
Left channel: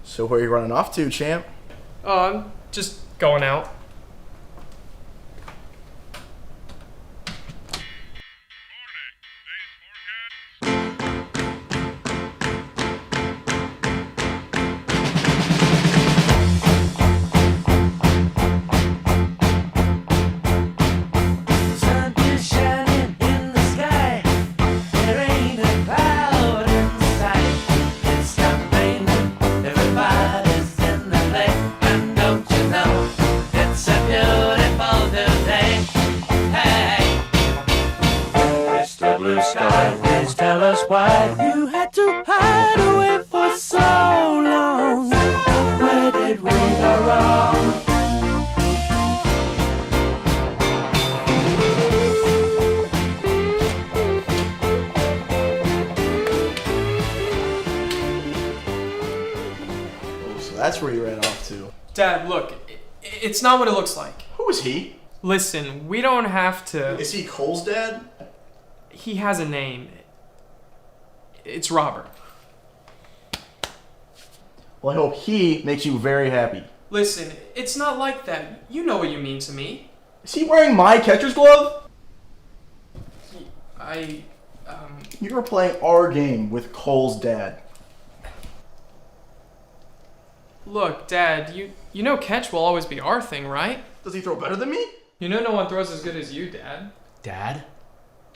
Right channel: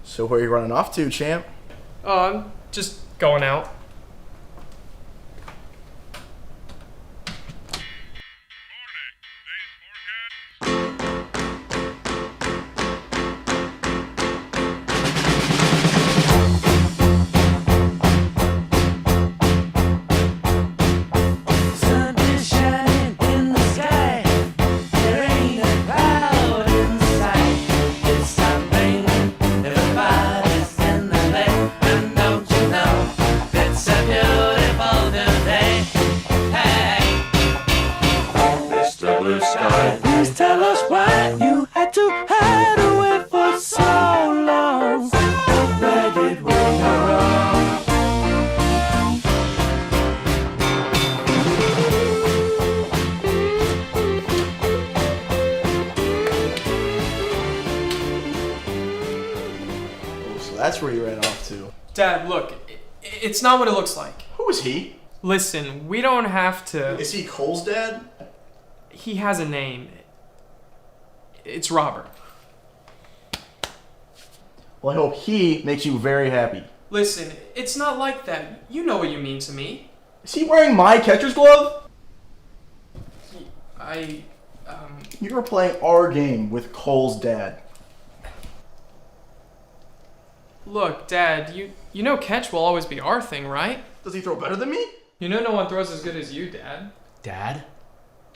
So where are you running off to, champ? Oh, I'm just going out. Please tell us why you had to hide away for so long. Where did we go wrong? Oh, so that's where you ran off to. Dad, look, it's not what it looks like. Who is he? Listen, we don't have to... Is he Cole's dad? He has a name. It's Robert. Well, I hope he makes you very happy. Listen, it's not like that. You know what you mean to me. Is he wearing my catcher's glove? You were playing our game with Cole's dad. Look, Dad, you know catch will always be our thing, right? Does he throw better than me? You know no one throws as good as you, Dad. Dad?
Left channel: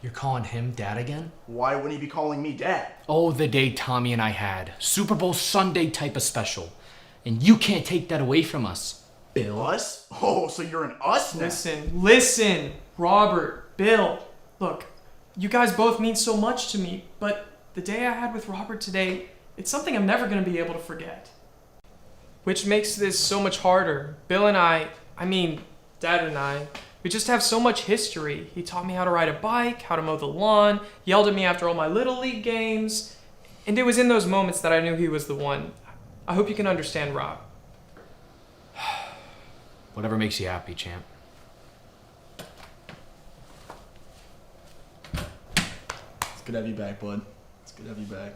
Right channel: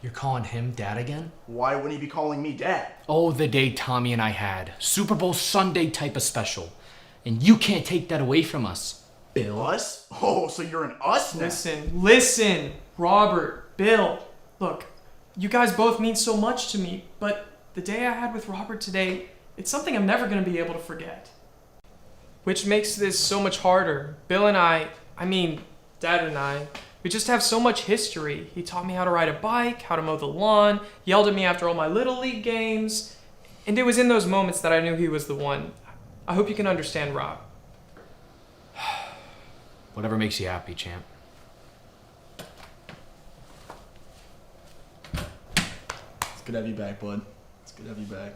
You're calling him Dad again? Why wouldn't he be calling me Dad? Oh, the day Tommy and I had. Super Bowl Sunday type of special. And you can't take that away from us, Bill. Us? Oh, so you're an us now? Listen, Robert, Bill. Look, you guys both mean so much to me, but the day I had with Robert today, it's something I'm never going to be able to forget. Which makes this so much harder. Bill and Dad and I, we just have so much history. He taught me how to ride a bike, how to mow the lawn, yelled at me after all my Little League games. And it was in those moments that I knew he was the one. I hope you can understand, Rob. Whatever makes you happy, champ. It's good to have you back, bud. It's good to have you back.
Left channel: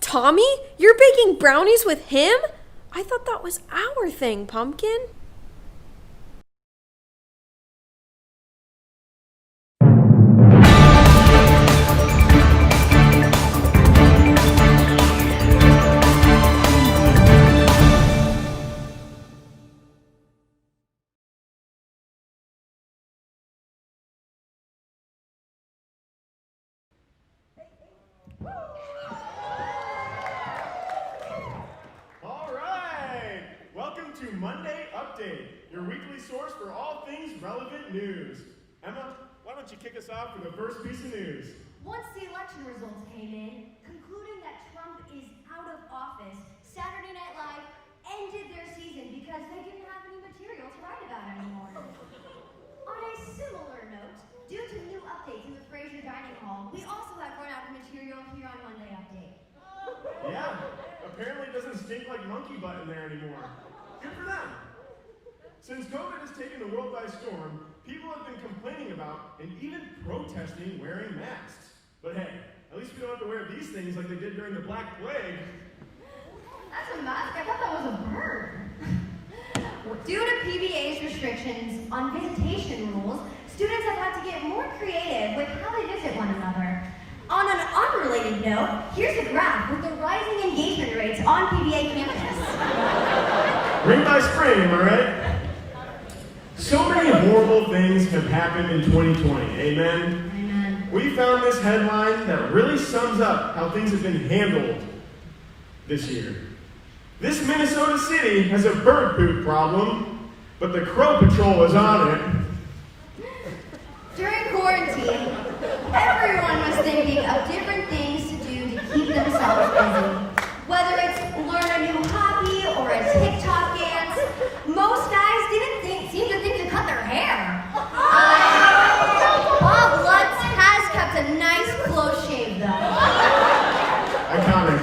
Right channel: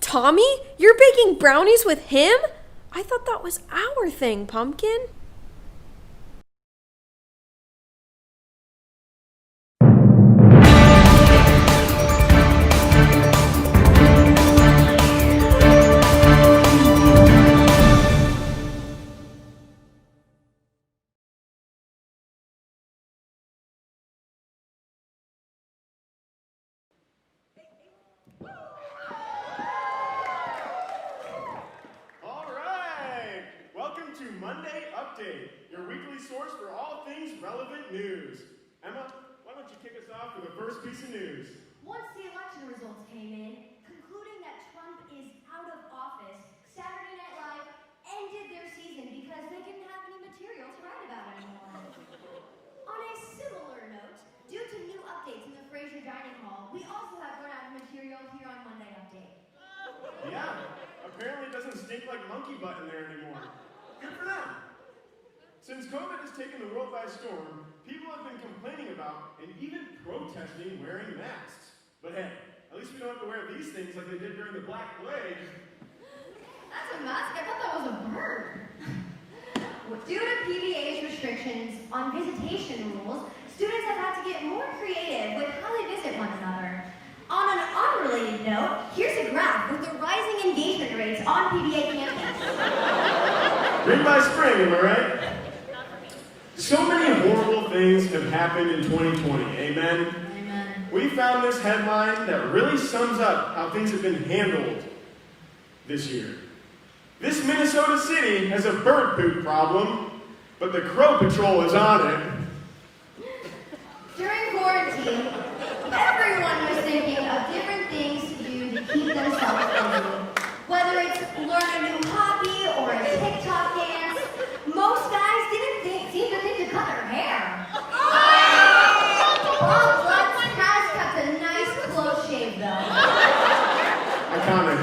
Tommy? You're baking brownies with him? I thought that was our thing, Pumpkin. Monday Update, your weekly source for all things relevant news. Emma, why don't you kick us off with the first piece of news? Once the election results came in, concluding that Trump is out of office, Saturday Night Live ended their season because they didn't have any material to write about anymore. On a similar note, due to new updates in the Fraser Dining Hall, we also have run out of material here on Monday Update. Yeah, apparently it doesn't stink like monkey butt in there anymore. Good for them. Since COVID has taken the world by storm, people have been complaining about and even protesting wearing masks. But hey, at least we don't have to wear these things like they did during the Black Plague. That's a mask? I thought that was a bird. Due to PBA's restrictions on visitation rules, students have had to get more creative with how they visit one another. On an unrelated note, here's a graph with the rising engagement rates on PBA campus. Ring by spring, am I right? So many horrible things have happened in 2020, amen? Amen. We found this headline that really sums up how things have been handled this year. This Minnesota city has a bird poop problem, but the Crow Patrol is on it. During quarantine, everyone was thinking of different things to do to keep themselves busy. Whether it's learn a new hobby or a TikTok dance, most guys seem to think to cut their hair. Bob Lutz has kept a nice close shave though. Iconic.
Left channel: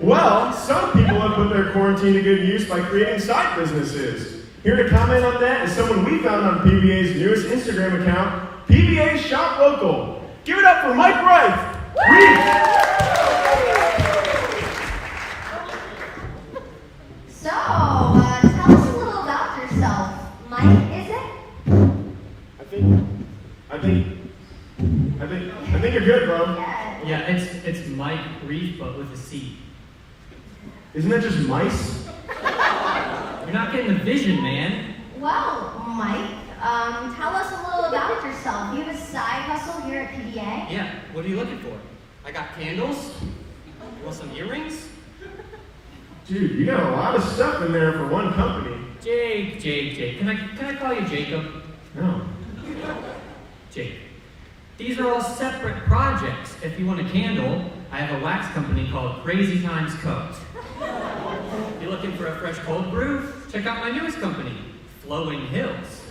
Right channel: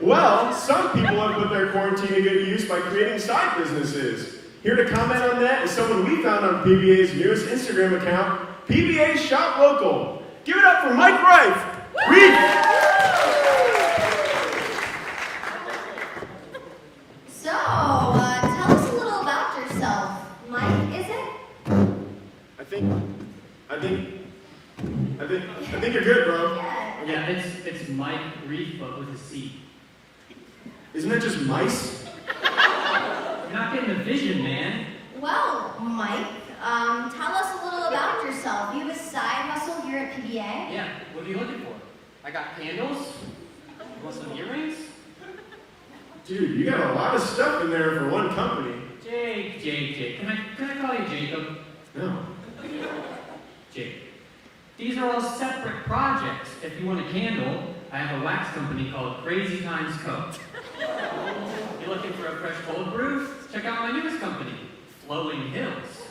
Well, some people have put their quarantine to good use by creating side businesses. Here to comment on that is someone we found on PBA's newest Instagram account, PBA Shop Local. Give it up for Mike Reif. So, tell us a little about yourself. Mike, is it? I think you're good, bro. Yeah, it's Mike Reef, but with a C. Isn't that just mice? You're not getting the vision, man. Well, Mike, tell us a little about yourself. You have a side hustle here at PBA? Yeah, what are you looking for? I got candles. You want some earrings? Dude, you got a lot of stuff in there for one company. Jake. Can I call you Jacob? No. Jake. These are all separate projects. If you want a candle, I have a wax company called Crazy Times Co. You looking for a fresh cold brew? Check out my newest company, Flowing Hills.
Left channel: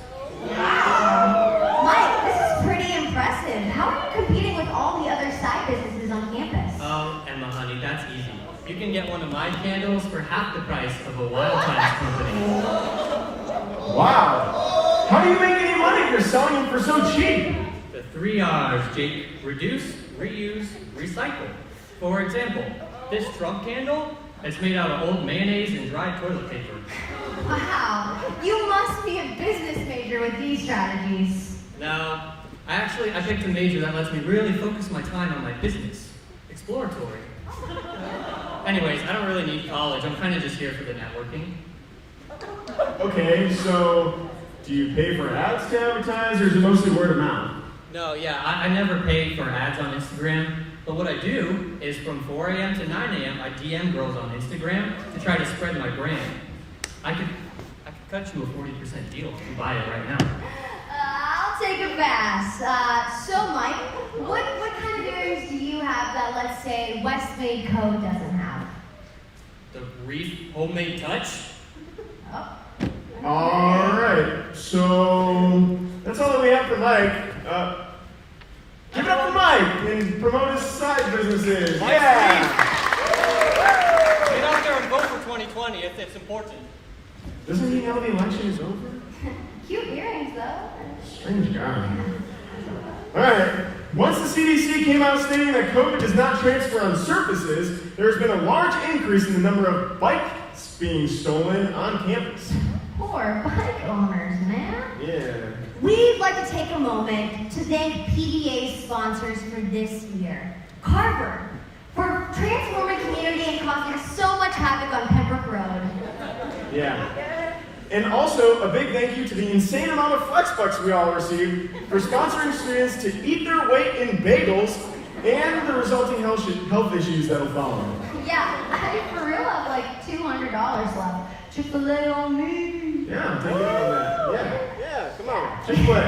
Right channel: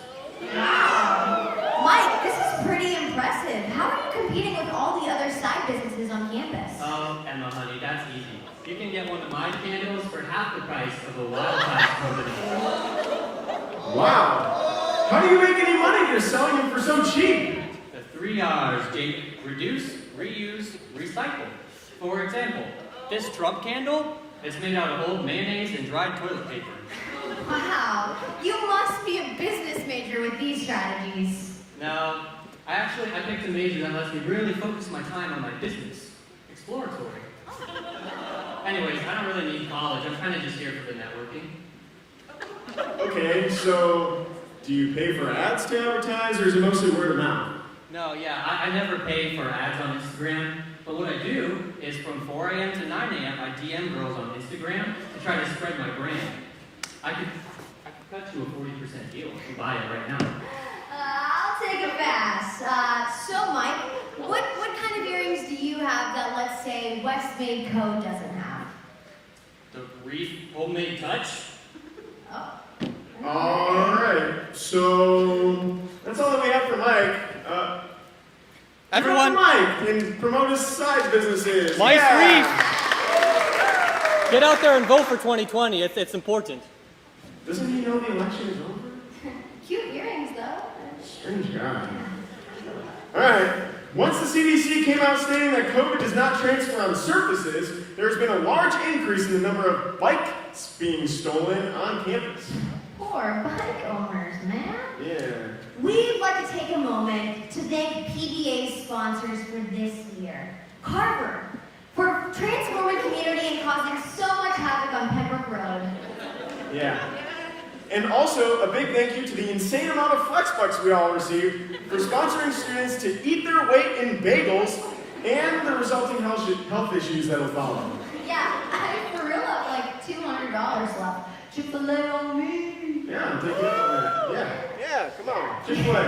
Wow! Mike, this is pretty impressive. How are you competing with all the other side businesses on campus? Oh, Emma, honey, that's easy. You can get one of my candles for half the price of a Wild Times company. Wow! How do you make any money here selling them for so cheap? The 3 R's, Jake. Reduce, reuse, recycle. For example, this Trump candle is made out of old mayonnaise and dried toilet paper. Wow, you must be a business major with these strategies. No, I picked a major that lets me really focus my time on my business. Exploratory. Anyways, I don't really need college. I'm kind of just here for the networking. Okay, so do you pay for ads to advertise, or is it mostly word of mouth? No, yeah, I never pay for ads on Instagram, but what I do is from 4 a.m. to 9 a.m. I DM girls on Instagram to try to spread my brand. I could cut you a 40% deal if you buy it right now. I'll take a pass. So Mike, what kind of earrings do you have that, let's say, Westmade Code doesn't have? The Reef Homemade Touch? Alright, so that's all that we have for Mike. Give it up for Mike and promote his side businesses. Mike's yeah. Get out there and vote for 2020 if it's important. Doesn't he know the election is over? Cute earrings, though. Strange guy. Alright, once the CDC came out stating that COVID does not transfer on surfaces, there's been a large increase in the number of bikes being stolen on campus. Poor bike owners, man. Yeah. We'd like to take a moment to thank PDA's sponsors for this year. Carver, for transforming community and causing so much havoc on Pembroke Road. Yeah. And also, a big thank you to the insane amount of Flexbucks we all received for sponsoring students to eat their weight in bagels and the resulting health issues that'll follow. Yeah, I for real have like $200 left. Chick-fil-A on me. Yeah, take it from that. Yeah, come on. Chick-fil-A.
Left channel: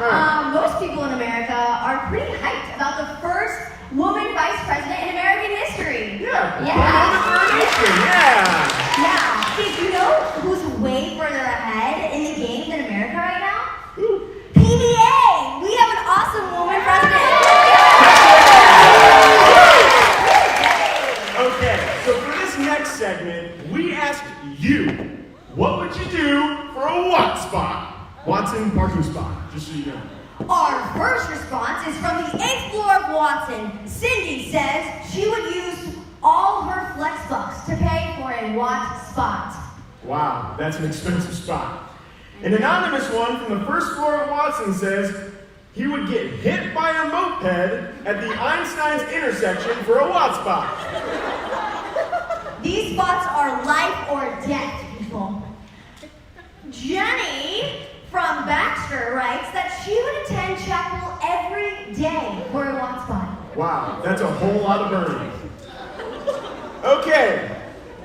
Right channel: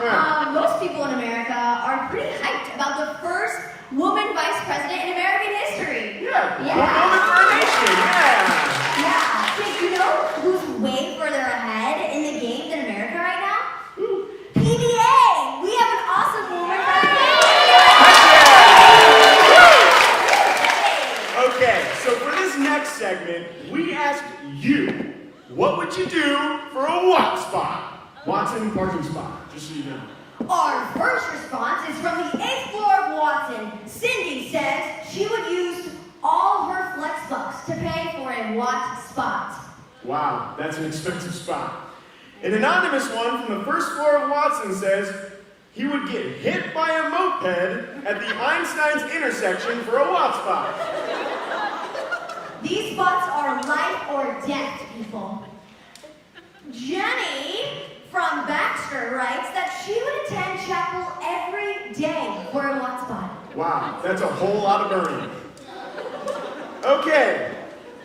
Alright. Most people in America are pretty hyped about the first woman vice president in American history. Yeah. Woman for a nation. Yeah. Did you know who's way further ahead in the game than America right now? PDA! We have an awesome woman president! Okay, so for this next segment, we asked you, what would you do for a Watt spot? Watson parking spot, just so you know. Our first response is from the 8th floor of Watson. Cindy says she would use all her flex bucks to pay for a Watt spot. Wow, that's an expensive spot. An anonymous one from the first floor of Watson says he would get hit by a moped at the Einstein's intersection for a Watt spot. These spots are life or death, people. Jenny from Baxter writes that she would attend chapel every day for a Watt spot. Wow, that's a whole lot of burning. Okay,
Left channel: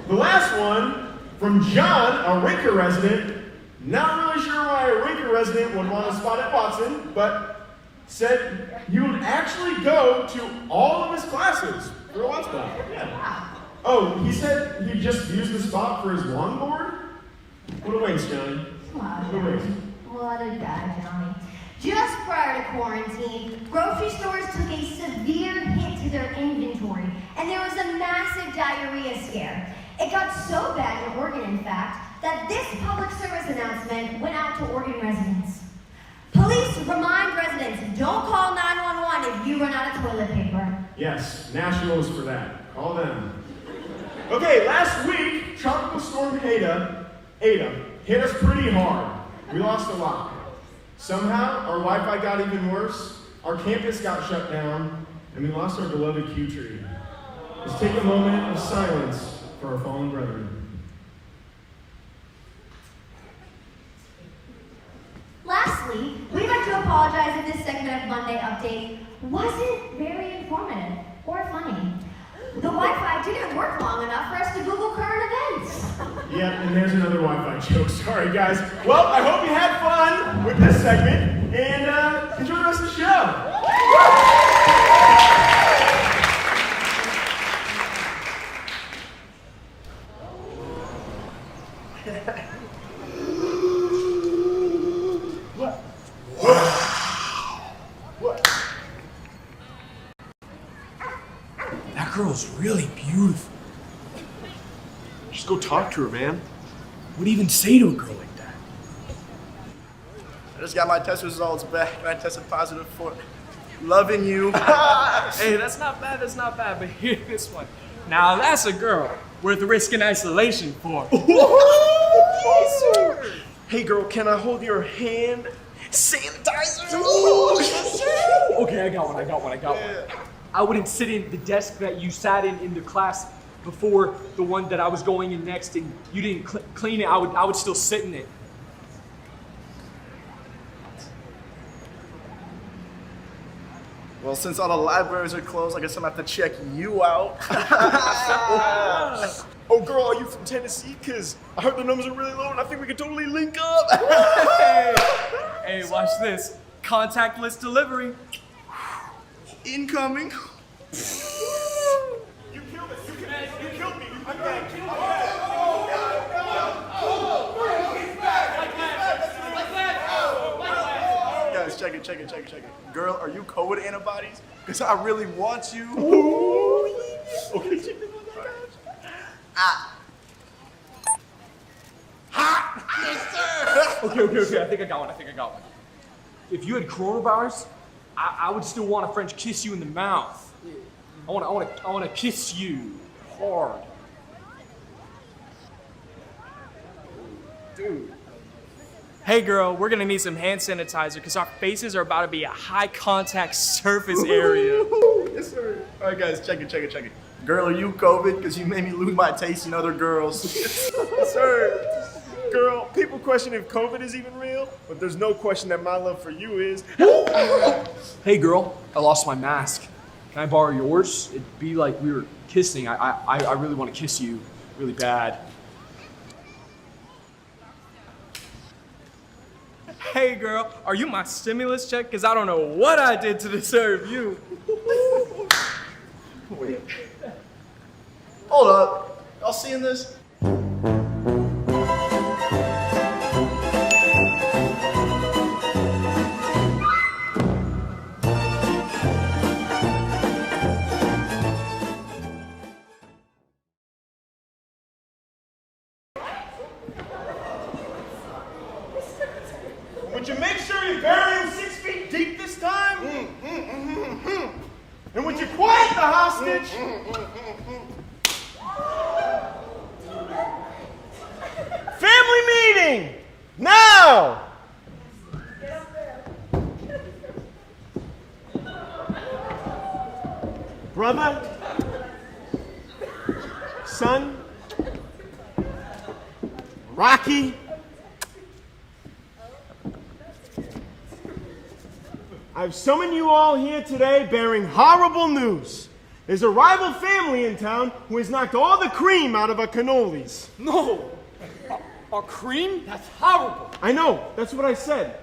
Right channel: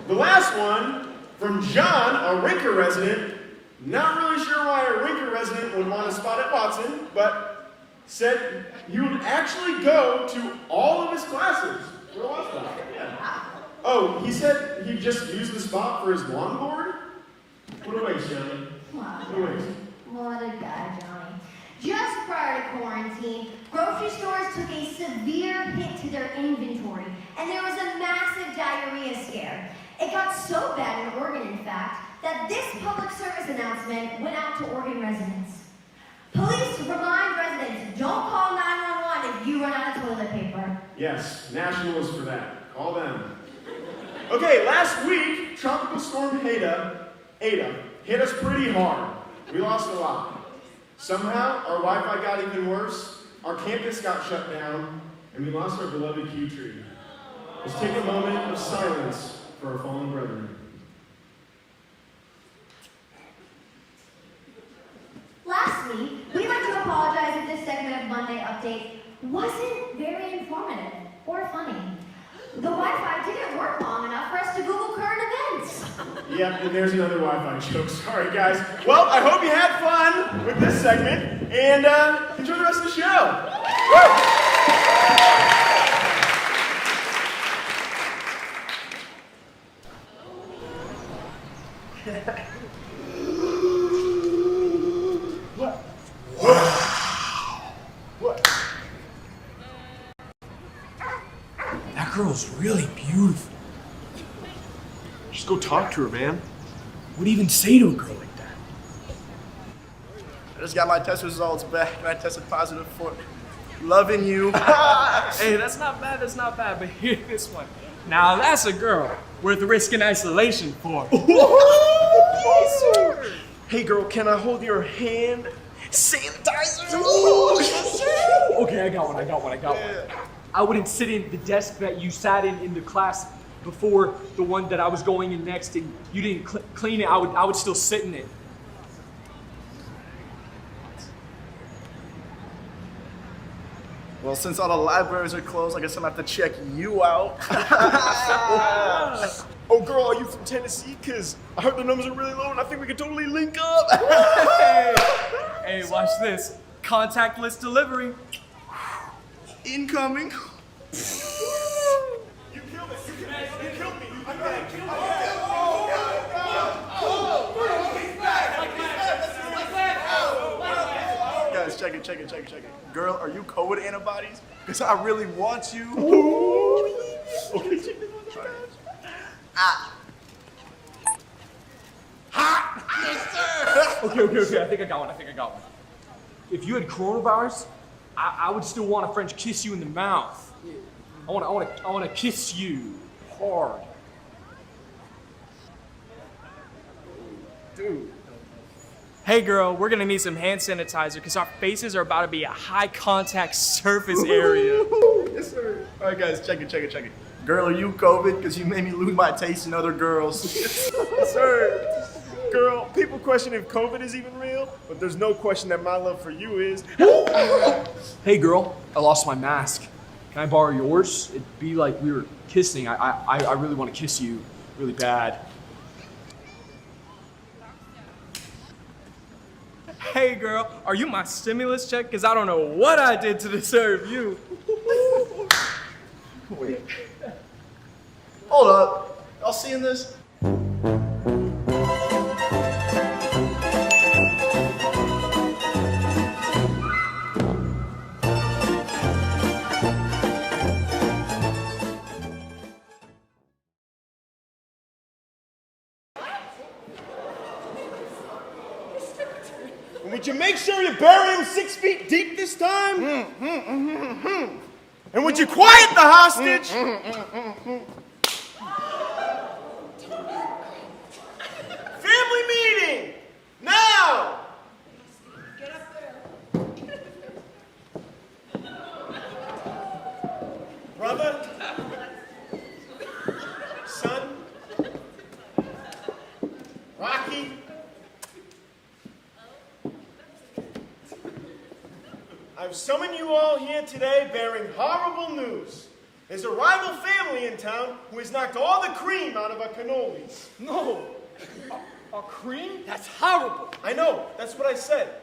the last one from John, a Rinker resident. Not really sure why a Rinker resident would want a spot at Watson, but said he would actually go to all of his classes for a Watt spot. Yeah. Oh, he said he'd just use the spot for his longboard? What a waste, Johnny. Wow. What a waste. What a guy, Johnny. Just prior to quarantine, grocery stores took a severe hit to their inventory, and there was a massive diarrhea scare. It got so bad in Oregon, in fact, that this public service announcement went out to Oregon residents. Police remind residents, don't call 911 if you run out of toilet paper. Yes, National is for that. Call them. Okay, last week, Tropical Storm Ada hit us pretty hard. We lost a lot. Somehow, our Wi-Fi got even worse, our campus got shut down, and we lost our beloved Q tree. Let's take a moment of silence for our fallen brethren. Lastly, we'd like to apologize if this segment of Monday Update wasn't very informative or funny. The Wi-Fi didn't work long enough for us to Google current events. Yep, and there's another Wi-Fi joke. Sorry, guys. Well, I hope you had fun with this segment, and enjoy the rest of the show. What? What? That girl's really beautiful. Just go talk to her, man. What do you even say to a girl like that? I just got my test results back and I tested positive for loving you. Hey, that's not bad, but hear this one. Now that's a girl worth risking isolation for. Hey girl, can I hold your hand? Sanitizer! Okay, I got one. I wouldn't sit in the desk that you sat in the class before the one that I was going in next, and you didn't clean it. I would still sit in it. Well, since all the libraries are closed, I guess I'm gonna have to check you out. Oh girl, are you from Tennessee? Cause I heard the numbers are really low and I think we could totally link up. Hey, watch this. Contactless delivery. Incoming. You killed it. You killed me. Guys, check it. Girl, are you COVID antibodies? Because I really want you. Okay, check this one. Okay, I think I got one. If you had coronavirus, I would still want a French kiss you in the mouth. I want to kiss you hard. Dude. Hey girl, we're gonna need some hand sanitizer because our faces are about to be a high contact surface area. Yes, sir. All right, guys, check it. Girl, are you COVID? Because you made me lose my taste in other girls. Yes, sir. Girl, people question if COVID is even real, but there's no question that my love for you is. Hey girl, I lost my mask. Can I borrow yours? It'd be like we were kissing. I really want to kiss you really bad. Hey girl, are you my stimulus check? Because I don't know what I did to deserve you. Wait. Hold up. Y'all seeing this? Would you make sure you bury him 6 feet deep this time? And would you quiet the hostage? Family meeting! Now! Brother? Son? Rocky? I've summoned you all here today bearing horrible news. There's a rival family in town who has knocked all the cream out of our cannolis. No! Our cream? That's horrible! I know, that's what I said.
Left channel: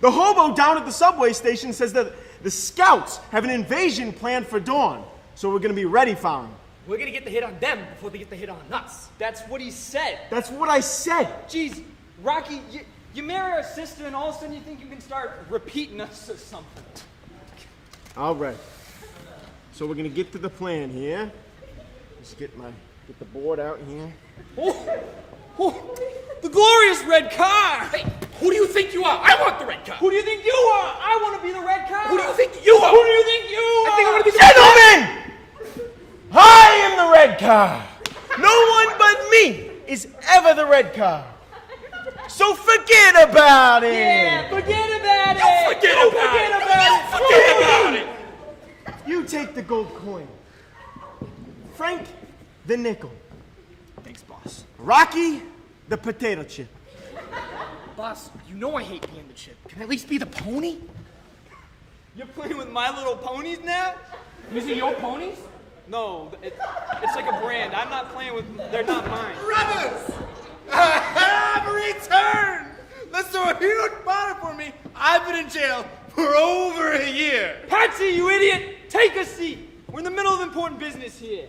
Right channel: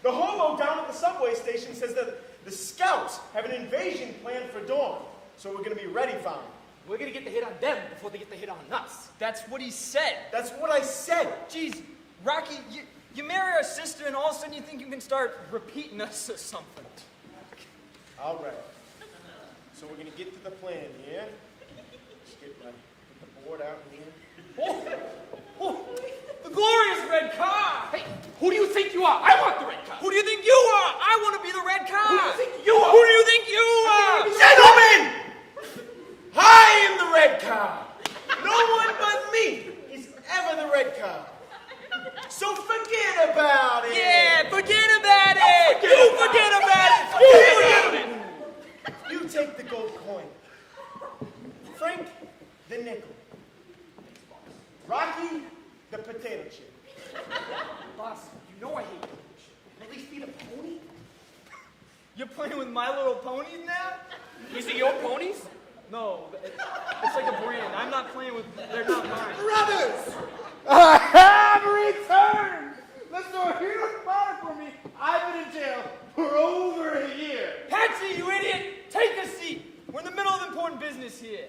The hobo down at the subway station says that the scouts have an invasion planned for dawn, so we're gonna be ready for them. We're gonna get the hit on them before they get the hit on us. That's what he said. That's what I said. Jeez, Rocky, you marry our sister and all of a sudden you think you can start repeating us or something. All right. So we're gonna get to the plan here. Just get the board out here. Oh, the glorious red car! Hey, who do you think you are? I want the red car. Who do you think you are? I want to be the red car. Who do you think you are? Who do you think you are? Gentlemen! I am the red car. No one but me is ever the red car. So forget about it. Yeah, forget about it. Forget about it. You take the gold coin. Frank, the nickel. Thanks, boss. Rocky, the potato chip. Boss, you know I hate being the chip. Can I at least be the pony? You're playing with My Little Ponies now? These are your ponies? No, it's like a brand. I'm not playing with. They're not mine. Brothers! I have returned! Let's do a huge party for me. I've been in jail for over a year. Patsy, you idiot! Take a seat. We're in the middle of important business here.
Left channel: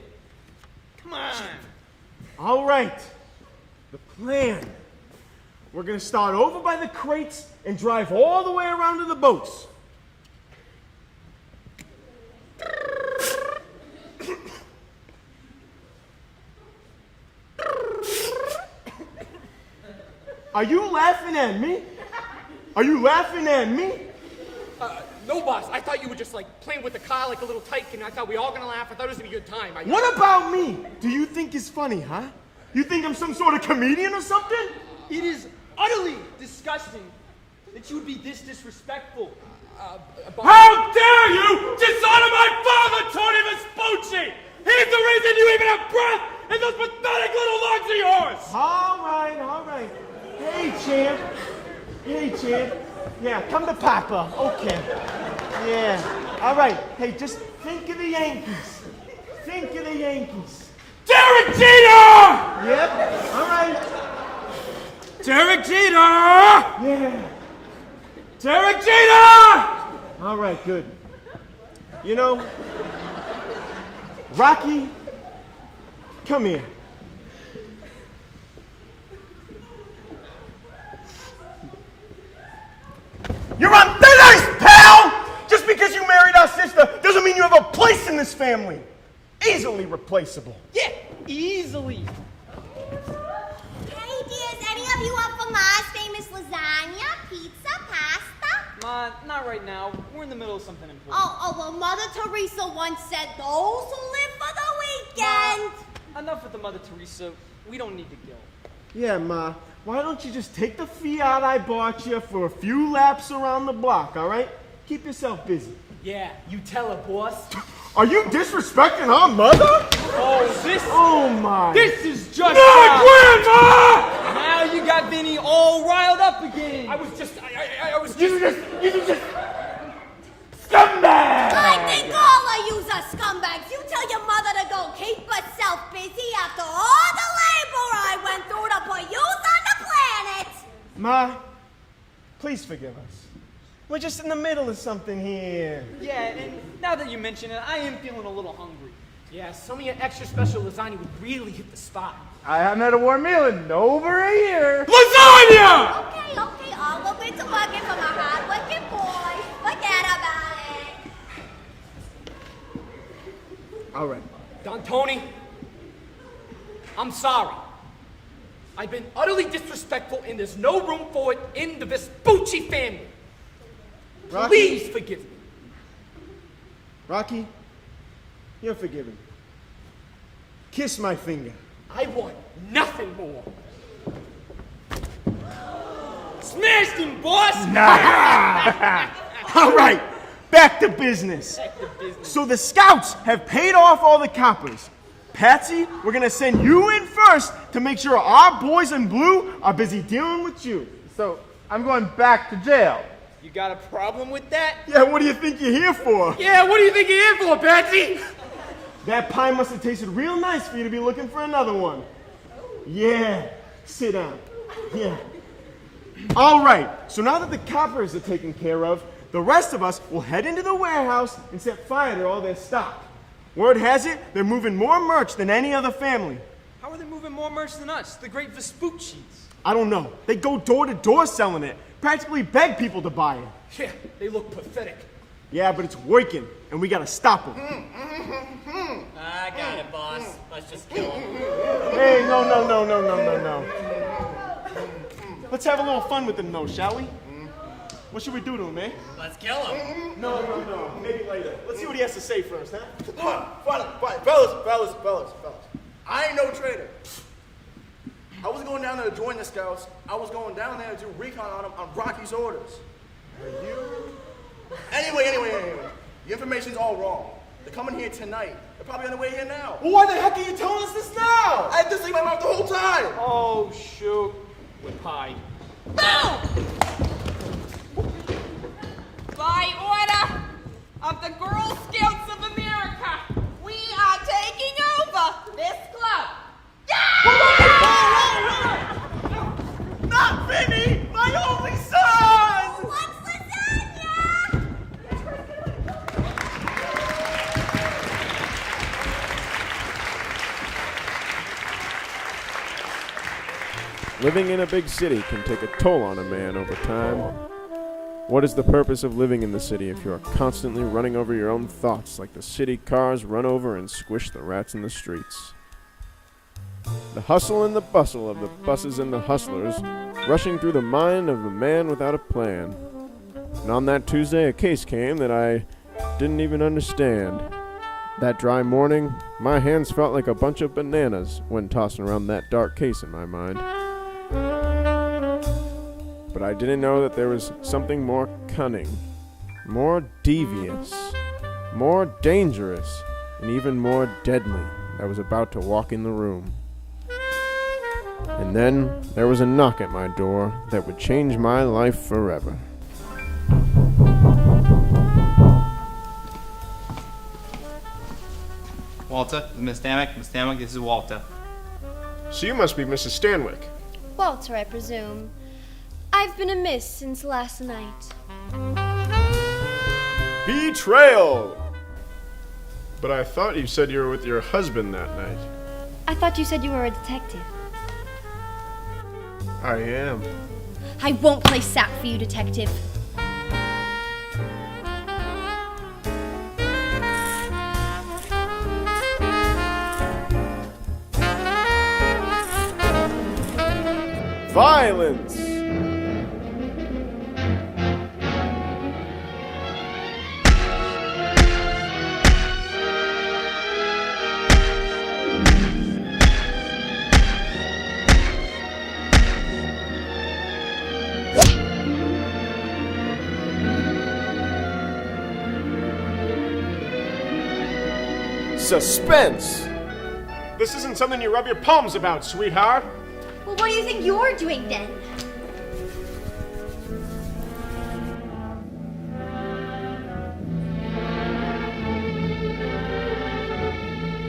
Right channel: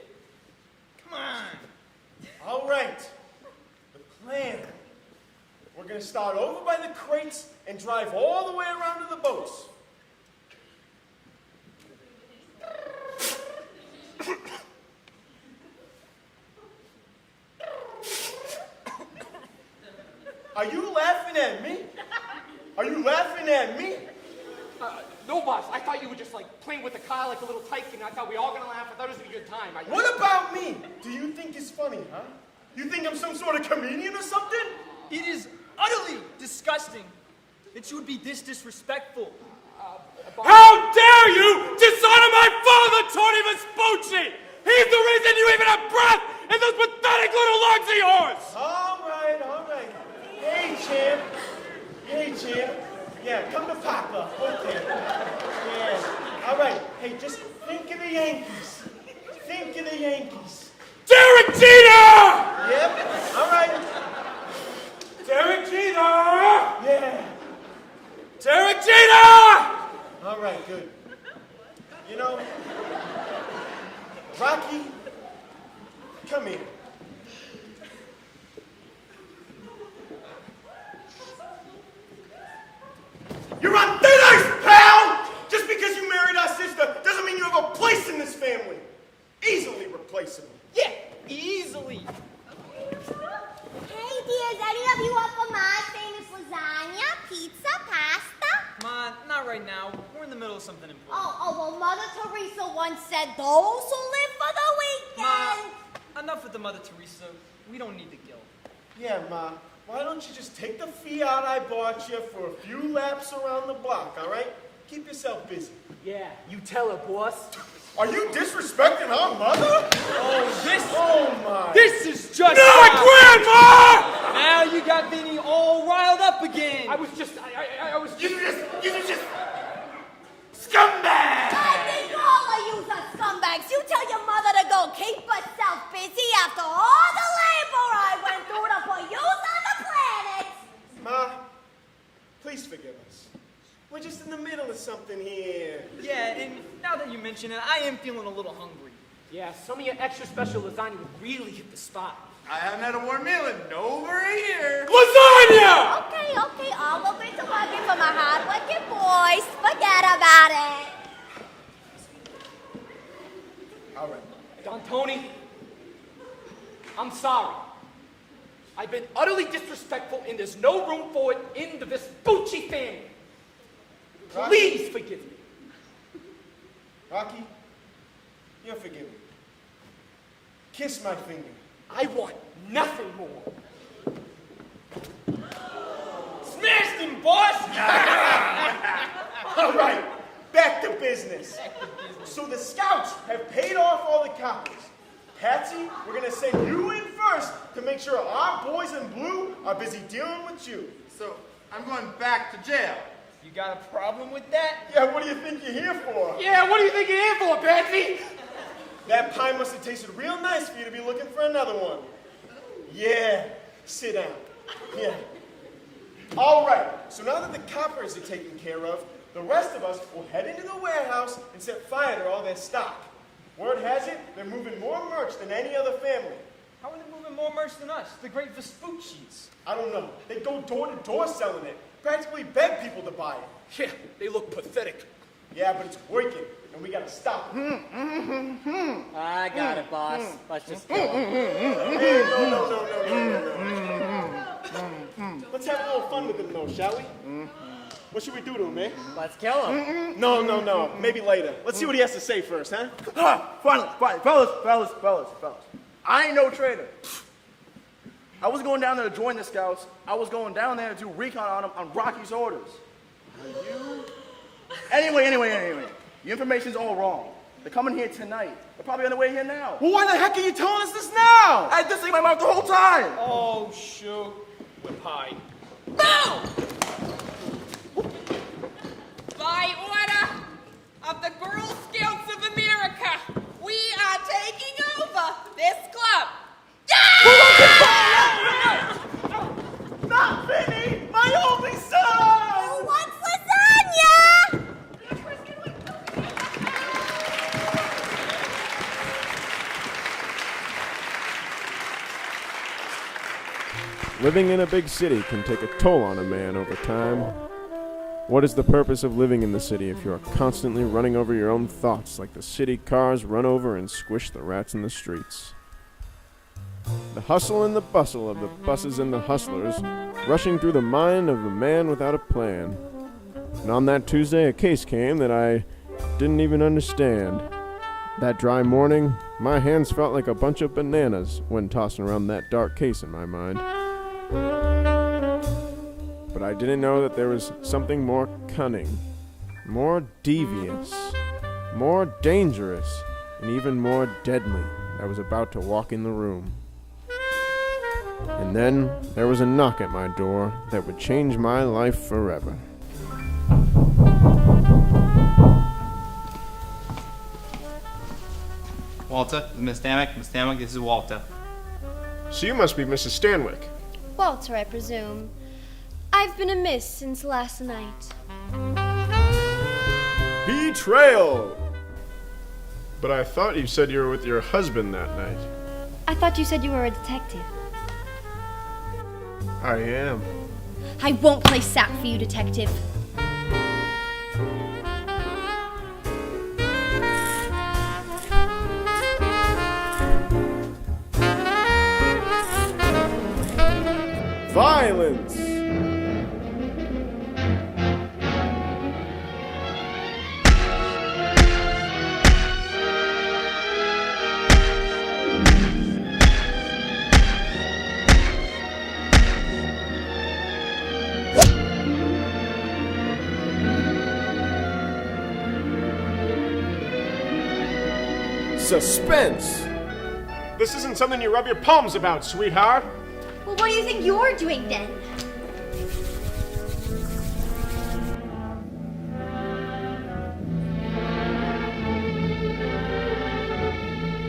Come on. All right. The plan. We're gonna start over by the crates and drive all the way around to the boats. Are you laughing at me? Are you laughing at me? No, boss. I thought you were just like playing with the car like a little tycoon. I thought we all gonna laugh. I thought it was gonna be a good time. What about me? Do you think it's funny, huh? You think I'm some sort of comedian or something? It is utterly disgusting that you would be this disrespectful. How dare you dishonor my father, Tony Vespucci! He's the reason you even have breath in those pathetic little lungs of yours! All right. Hey, champ. Yeah, come to Papa. Okay. Yeah. All right. Hey, just think of the Yankees. Derek Jeter! Yep. All right. Derek Jeter! Yeah. Derek Jeter! All right, good. You know, Rocky, come here. You're on thin ice, pal! Just because you married our sister doesn't mean you have a place in this family. Easily replaceable. Yeah, easily. Hey, dears, any of you up for Ma's famous lasagna, pizza, pasta? Ma, not right now. We're in the middle of something important. Well, Mother Teresa once said those who live for the weekend. Ma, enough with the Mother Teresa. We don't need the guilt. Yeah, Ma. Why don't you just take the Fiat I bought you for a few laps around the block, all right? Keep yourself busy. Yeah, you tell her, boss. Are you disrespecting her mother? Oh my. This is just... No, Grandma! Now you got Vinny all riled up again. I was just... You just... Scumbag! I think all of yous are scumbags. You tell your mother to go keep herself busy after all the labor I went through to put yous on the planet. Ma, please forgive us. We're just in the middle of something here. Yeah, and now that you mention it, I am feeling a little hungry. Yeah, some of your extra special lasagna would really hit the spot. I haven't had a warm meal in over a year. Lasagna! Okay, all of it's working for my hard-working boys. Forget about it. All right. Don Tony, I'm sorry. I've been utterly disrespectful and there's no room for it in the Vespucci family. Rocky? Please forgive me. Rocky, you're forgiven. Kiss my finger. I want nothing more. Smashed him, boss! All right, back to business. So the scouts have paid off all the coppers. Patsy, we're gonna send you in first to make sure our boys in blue are busy dealing with you. So, I'm going back to jail. You got a problem with that? Yeah, what do you think you're here for? Yeah, what do you think you're here for, Patsy? That pie must have tasted real nice for you to be looking for another one. Yeah, sit down. Yeah. All right, so now that the coppers are taken care of, the rest of us will head into the warehouse and set fire to all their stock. Word has it, they're moving more merch than any other family. How are they moving more merch than us, the great Vespucci's? I don't know. They go door to door selling it. Practically beg people to buy it. They look pathetic. Yeah, but it's working, and we gotta stop them. I got it, boss. Let's just kill him. Hey, no. Let's have a little fun with them, though, shall we? What should we do to him, man? Let's kill him. No. Maybe later. Let's see what he has to say first, huh? Fine. Fellas. I ain't no traitor. I was going down there to join the scouts. I was going down there to do recon on them on Rocky's orders. Are you? Anyway. The information's all wrong. They're coming here tonight. They're probably on their way here now. Well, why the heck are you telling us this now? I had this thing in my mouth the whole time. Oh, shoot. We're pie. No! By order of the Girl Scouts of America, we are taking over this club. Not Vinny, my only son! Who wants lasagna? Living in a big city can take a toll on a man over time. What is the purpose of living in the city if you are constantly running over your own thoughts like the city cars run over and squish the rats in the streets? The hustle and the bustle of the buses and the hustlers, rushing through the mind of a man without a plan. And on that Tuesday, a case came that I didn't even understand. That dry morning, my hands felt like a bunch of bananas when tossing around that dark case in my mind. But I didn't know that there was something more cunning, more devious, more dangerous, and even more deadly that was about to walk in the room. And then there was a knock at my door that would change my life forever. Walter, this is Miss Stanwick. Miss Stanwick, this is Walter. So you must be Mrs. Stanwick. Walter, I presume. I've been amiss since last night. Betrayal! But I thought you said you were with your husband that night. I thought you said you were a detective. I am. I won't play sap for you, detective. Violence! Suspense! This isn't something you rub your palms about, sweetheart. Well, what do you think you're doing then?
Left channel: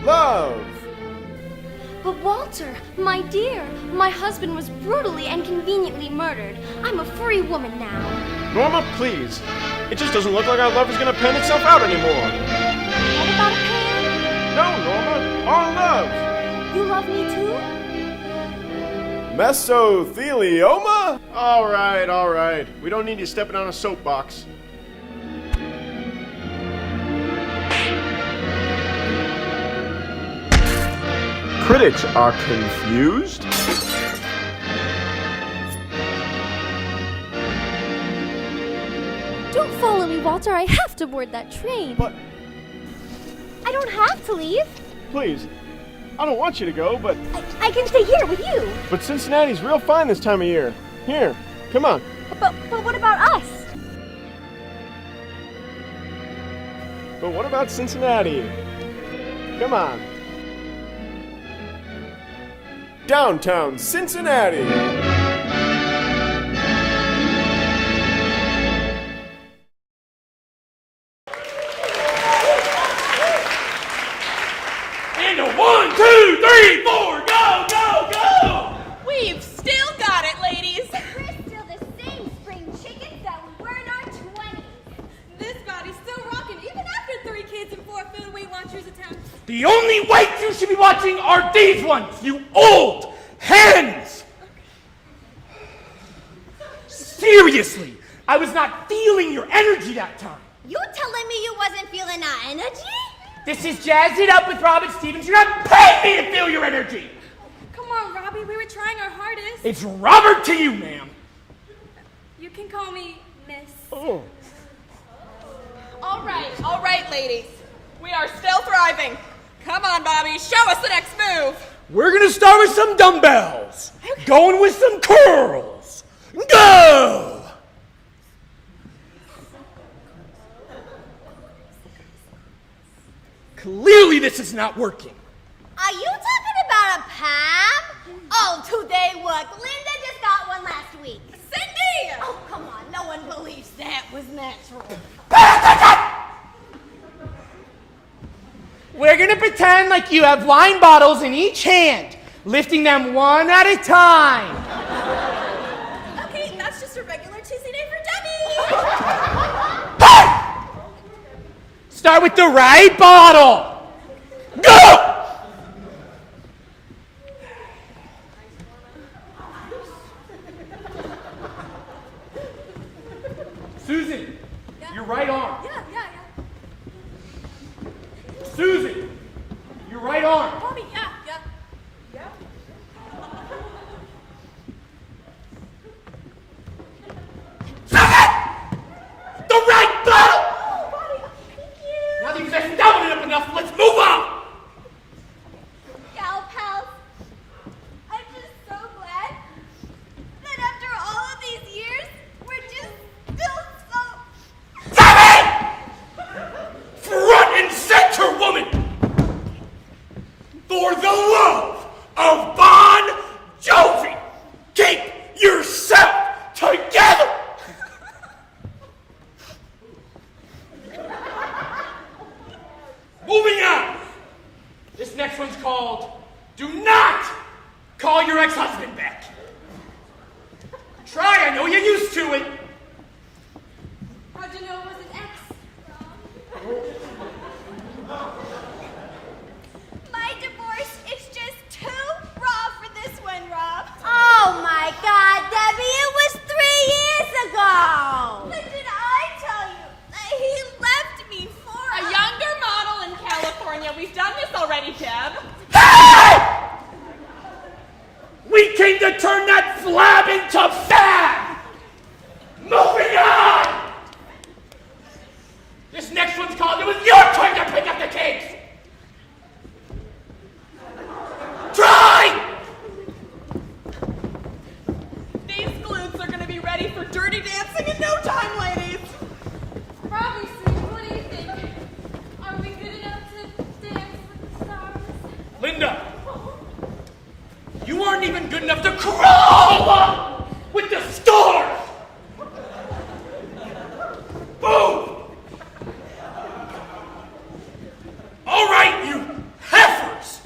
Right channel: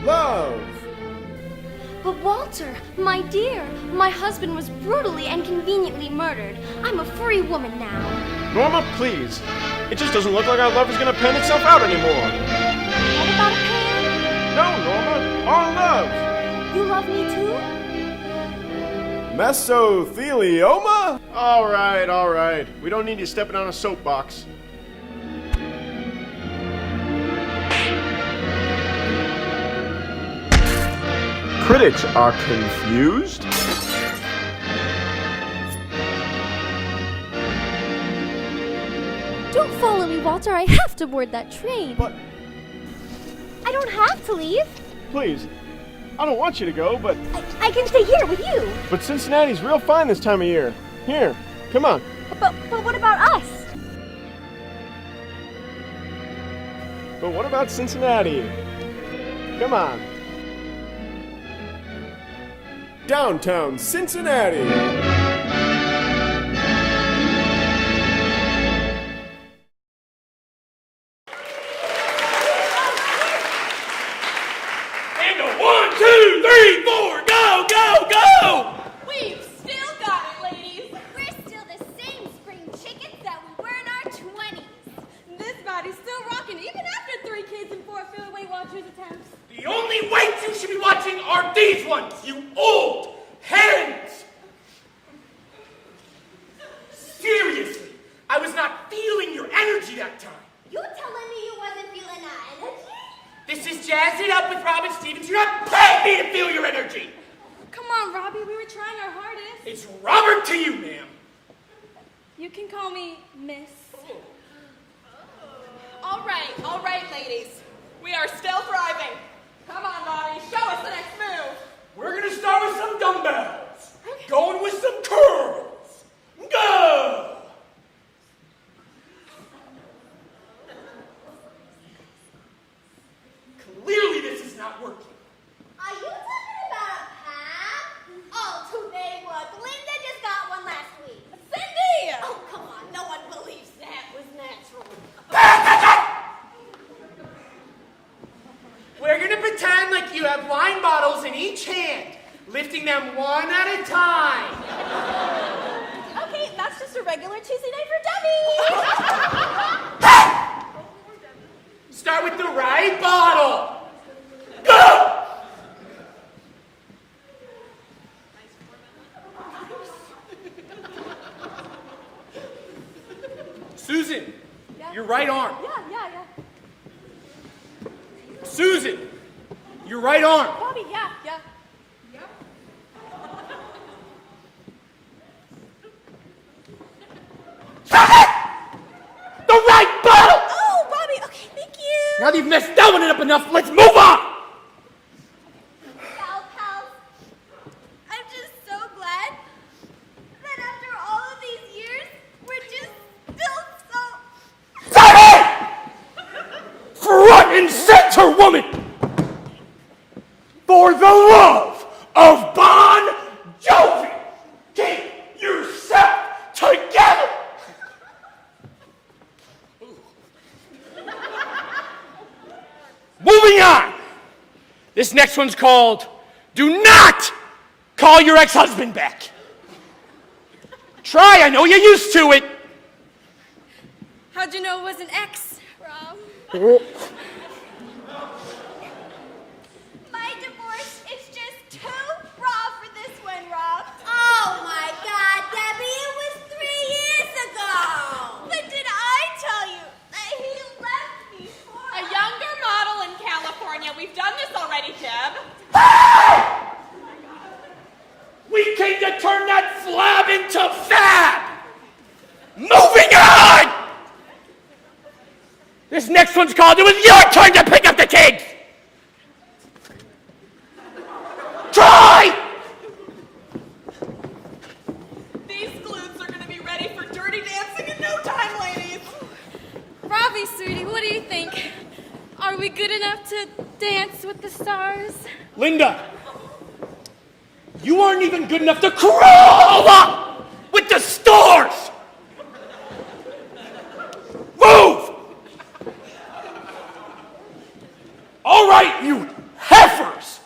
Love! But Walter, my dear, my husband was brutally and conveniently murdered. I'm a free woman now. Norma, please. It just doesn't look like our love is going to pan itself out anymore. What about a pan? No, Norma. Our love. You love me too? Mesothelioma? All right. We don't need you stepping on a soapbox. Critics are confused. Don't follow me, Walter. I have to board that train. But I don't have to leave. Please, I don't want you to go, but... I can stay here with you. But Cincinnati's real fine this time of year. Here, come on. But what about us? But what about Cincinnati? Come on. Downtown Cincinnati. And a 1, 2, 3, 4, go, go, go! We've still got it, ladies. We're still the same spring chickens that we were in our 20s. This body's still rocking even after 3 kids and 4 failed Weight Watchers attempts. The only weights you should be watching are these ones, you old hens! Seriously, I was not feeling your energy that time. You telling me you wasn't feeling our energy? This is Jazz It Up with Robin Stevens. You're not paying me to feel your energy. Come on, Robbie. We were trying our hardest. It's Robert to you, ma'am. You can call me Miss. Oh. All right, ladies. We are still thriving. Come on, Bobby. Show us the next move. We're gonna start with some dumbbells. Going with some curls. Go! Clearly this is not working. Are you talking about a Pam? Oh, do they work? Linda just got one last week. Cindy! Oh, come on. No one believes that was natural. We're gonna pretend like you have wine bottles in each hand, lifting them one at a time. Okay, that's just a regular Tuesday night for dummies. Start with the right bottle. Go! Susan, you're right on. Yeah. Susan, you're right on. Bobby, yeah. enough. Let's move on. Gal pals, I'm just so glad that after all of these years, we're just still so... Damn it! Front and center, woman! For the love of Bon Jovi, keep yourself together! Moving on! This next one's called Do Not Call Your Ex-Husband Back. Try, I know you're used to it. How'd you know it was an ex, Rob? My divorce is just too raw for this one, Rob. Oh my God, Debbie, it was 3 years ago! But did I tell you that he left me for A younger model in California. We've done this already, Deb. Hey! We came to turn that flab into fab! Moving on! This next one's called It Was Your Turn to Pick Up the Kids! Try! These glutes are gonna be ready for dirty dancing in no time, ladies. Robbie, sweetie, what do you think? Are we good enough to dance with the stars? Linda, you aren't even good enough to crawl up with the stars! Move! All right, you heifers!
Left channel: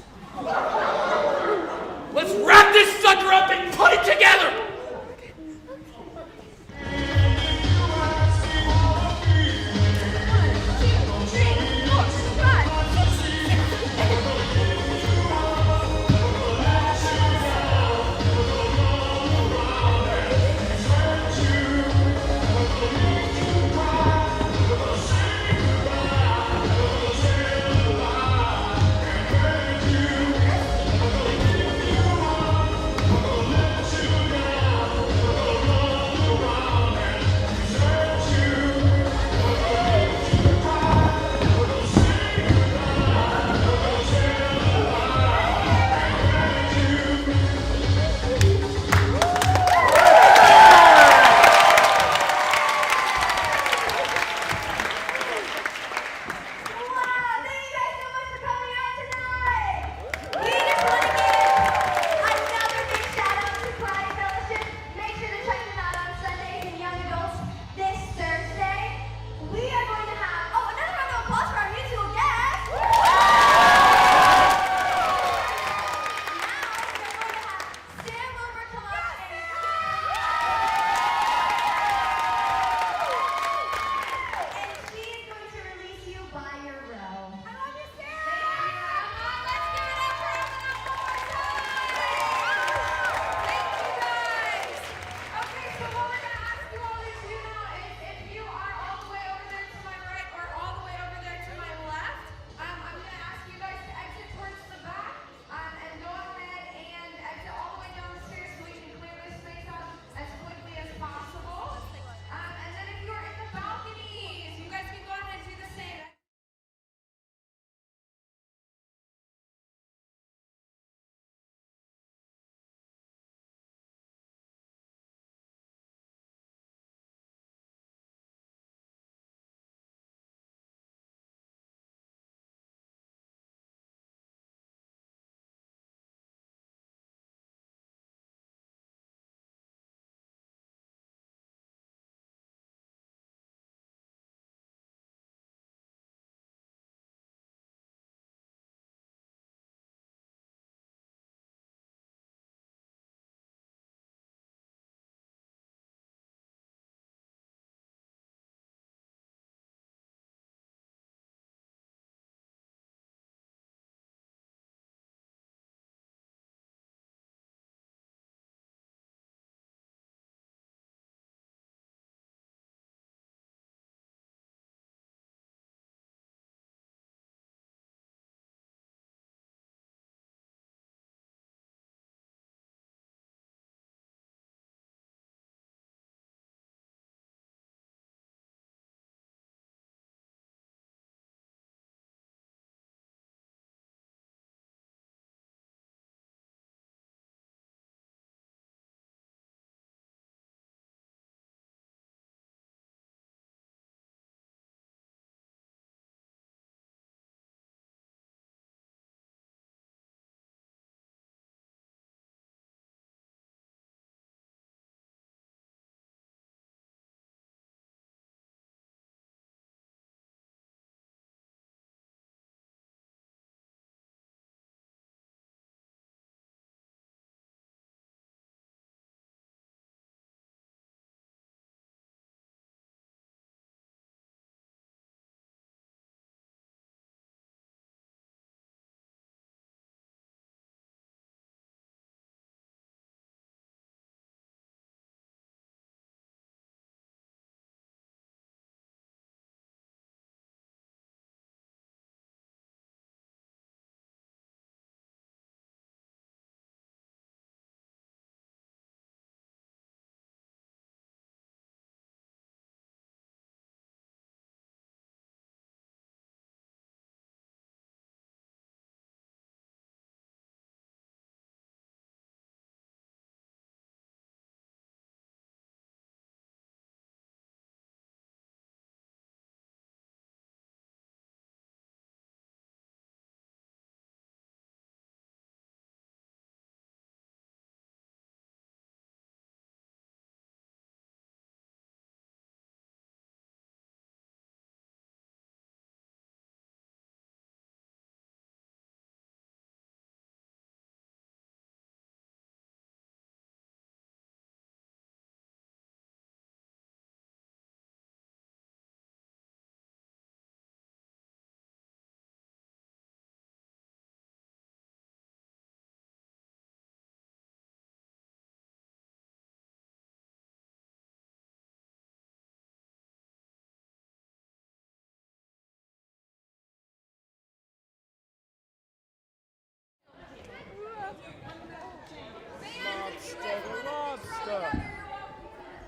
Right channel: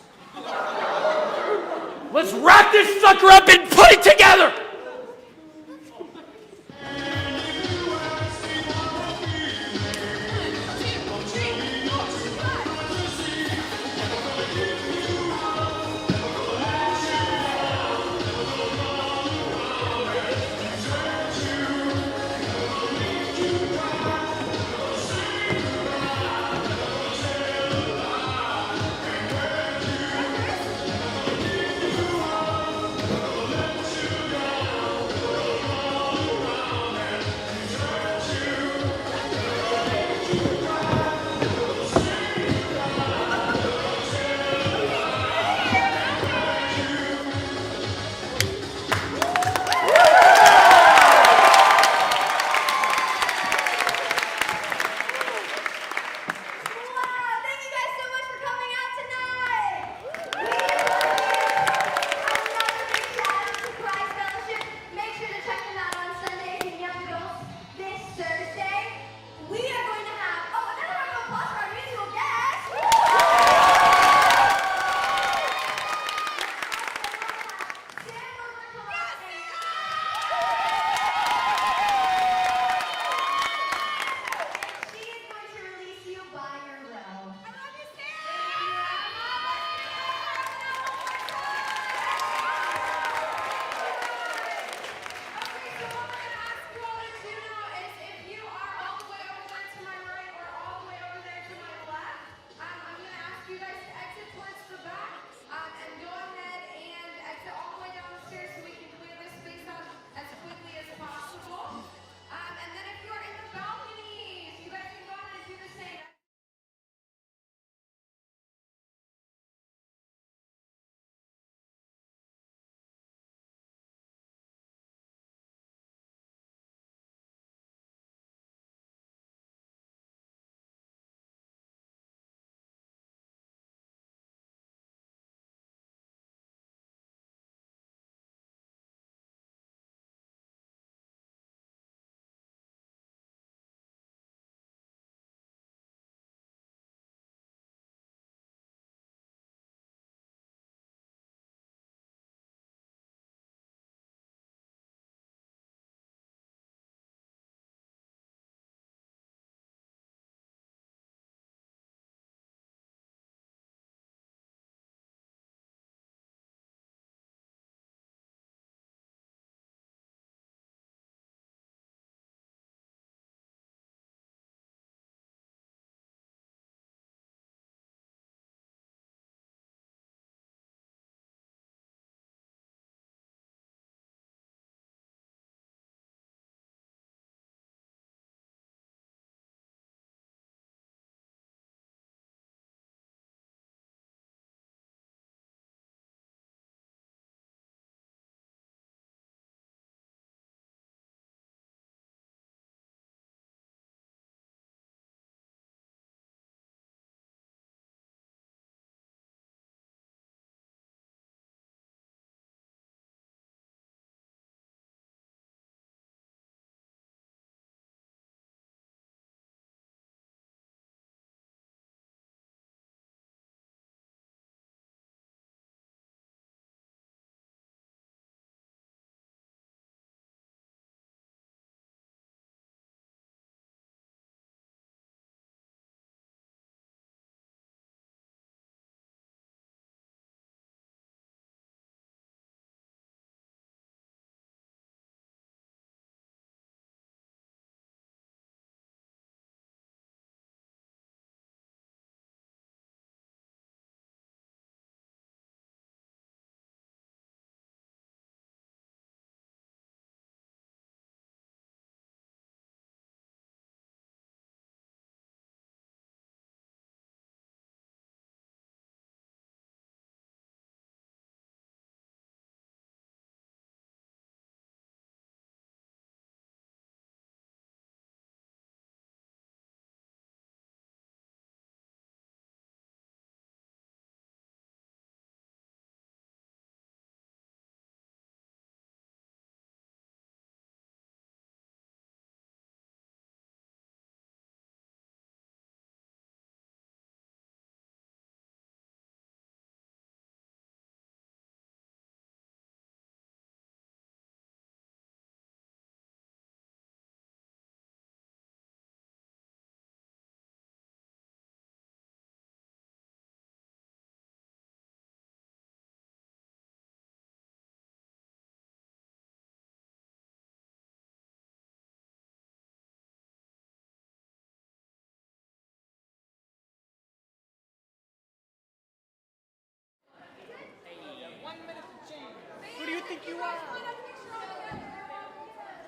Let's wrap this sucker up and put it together!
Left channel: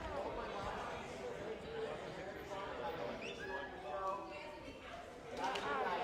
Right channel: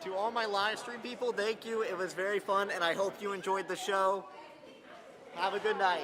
To all my live stream people, thank you. It was very fun, and I hope you enjoyed the show. Have a good night.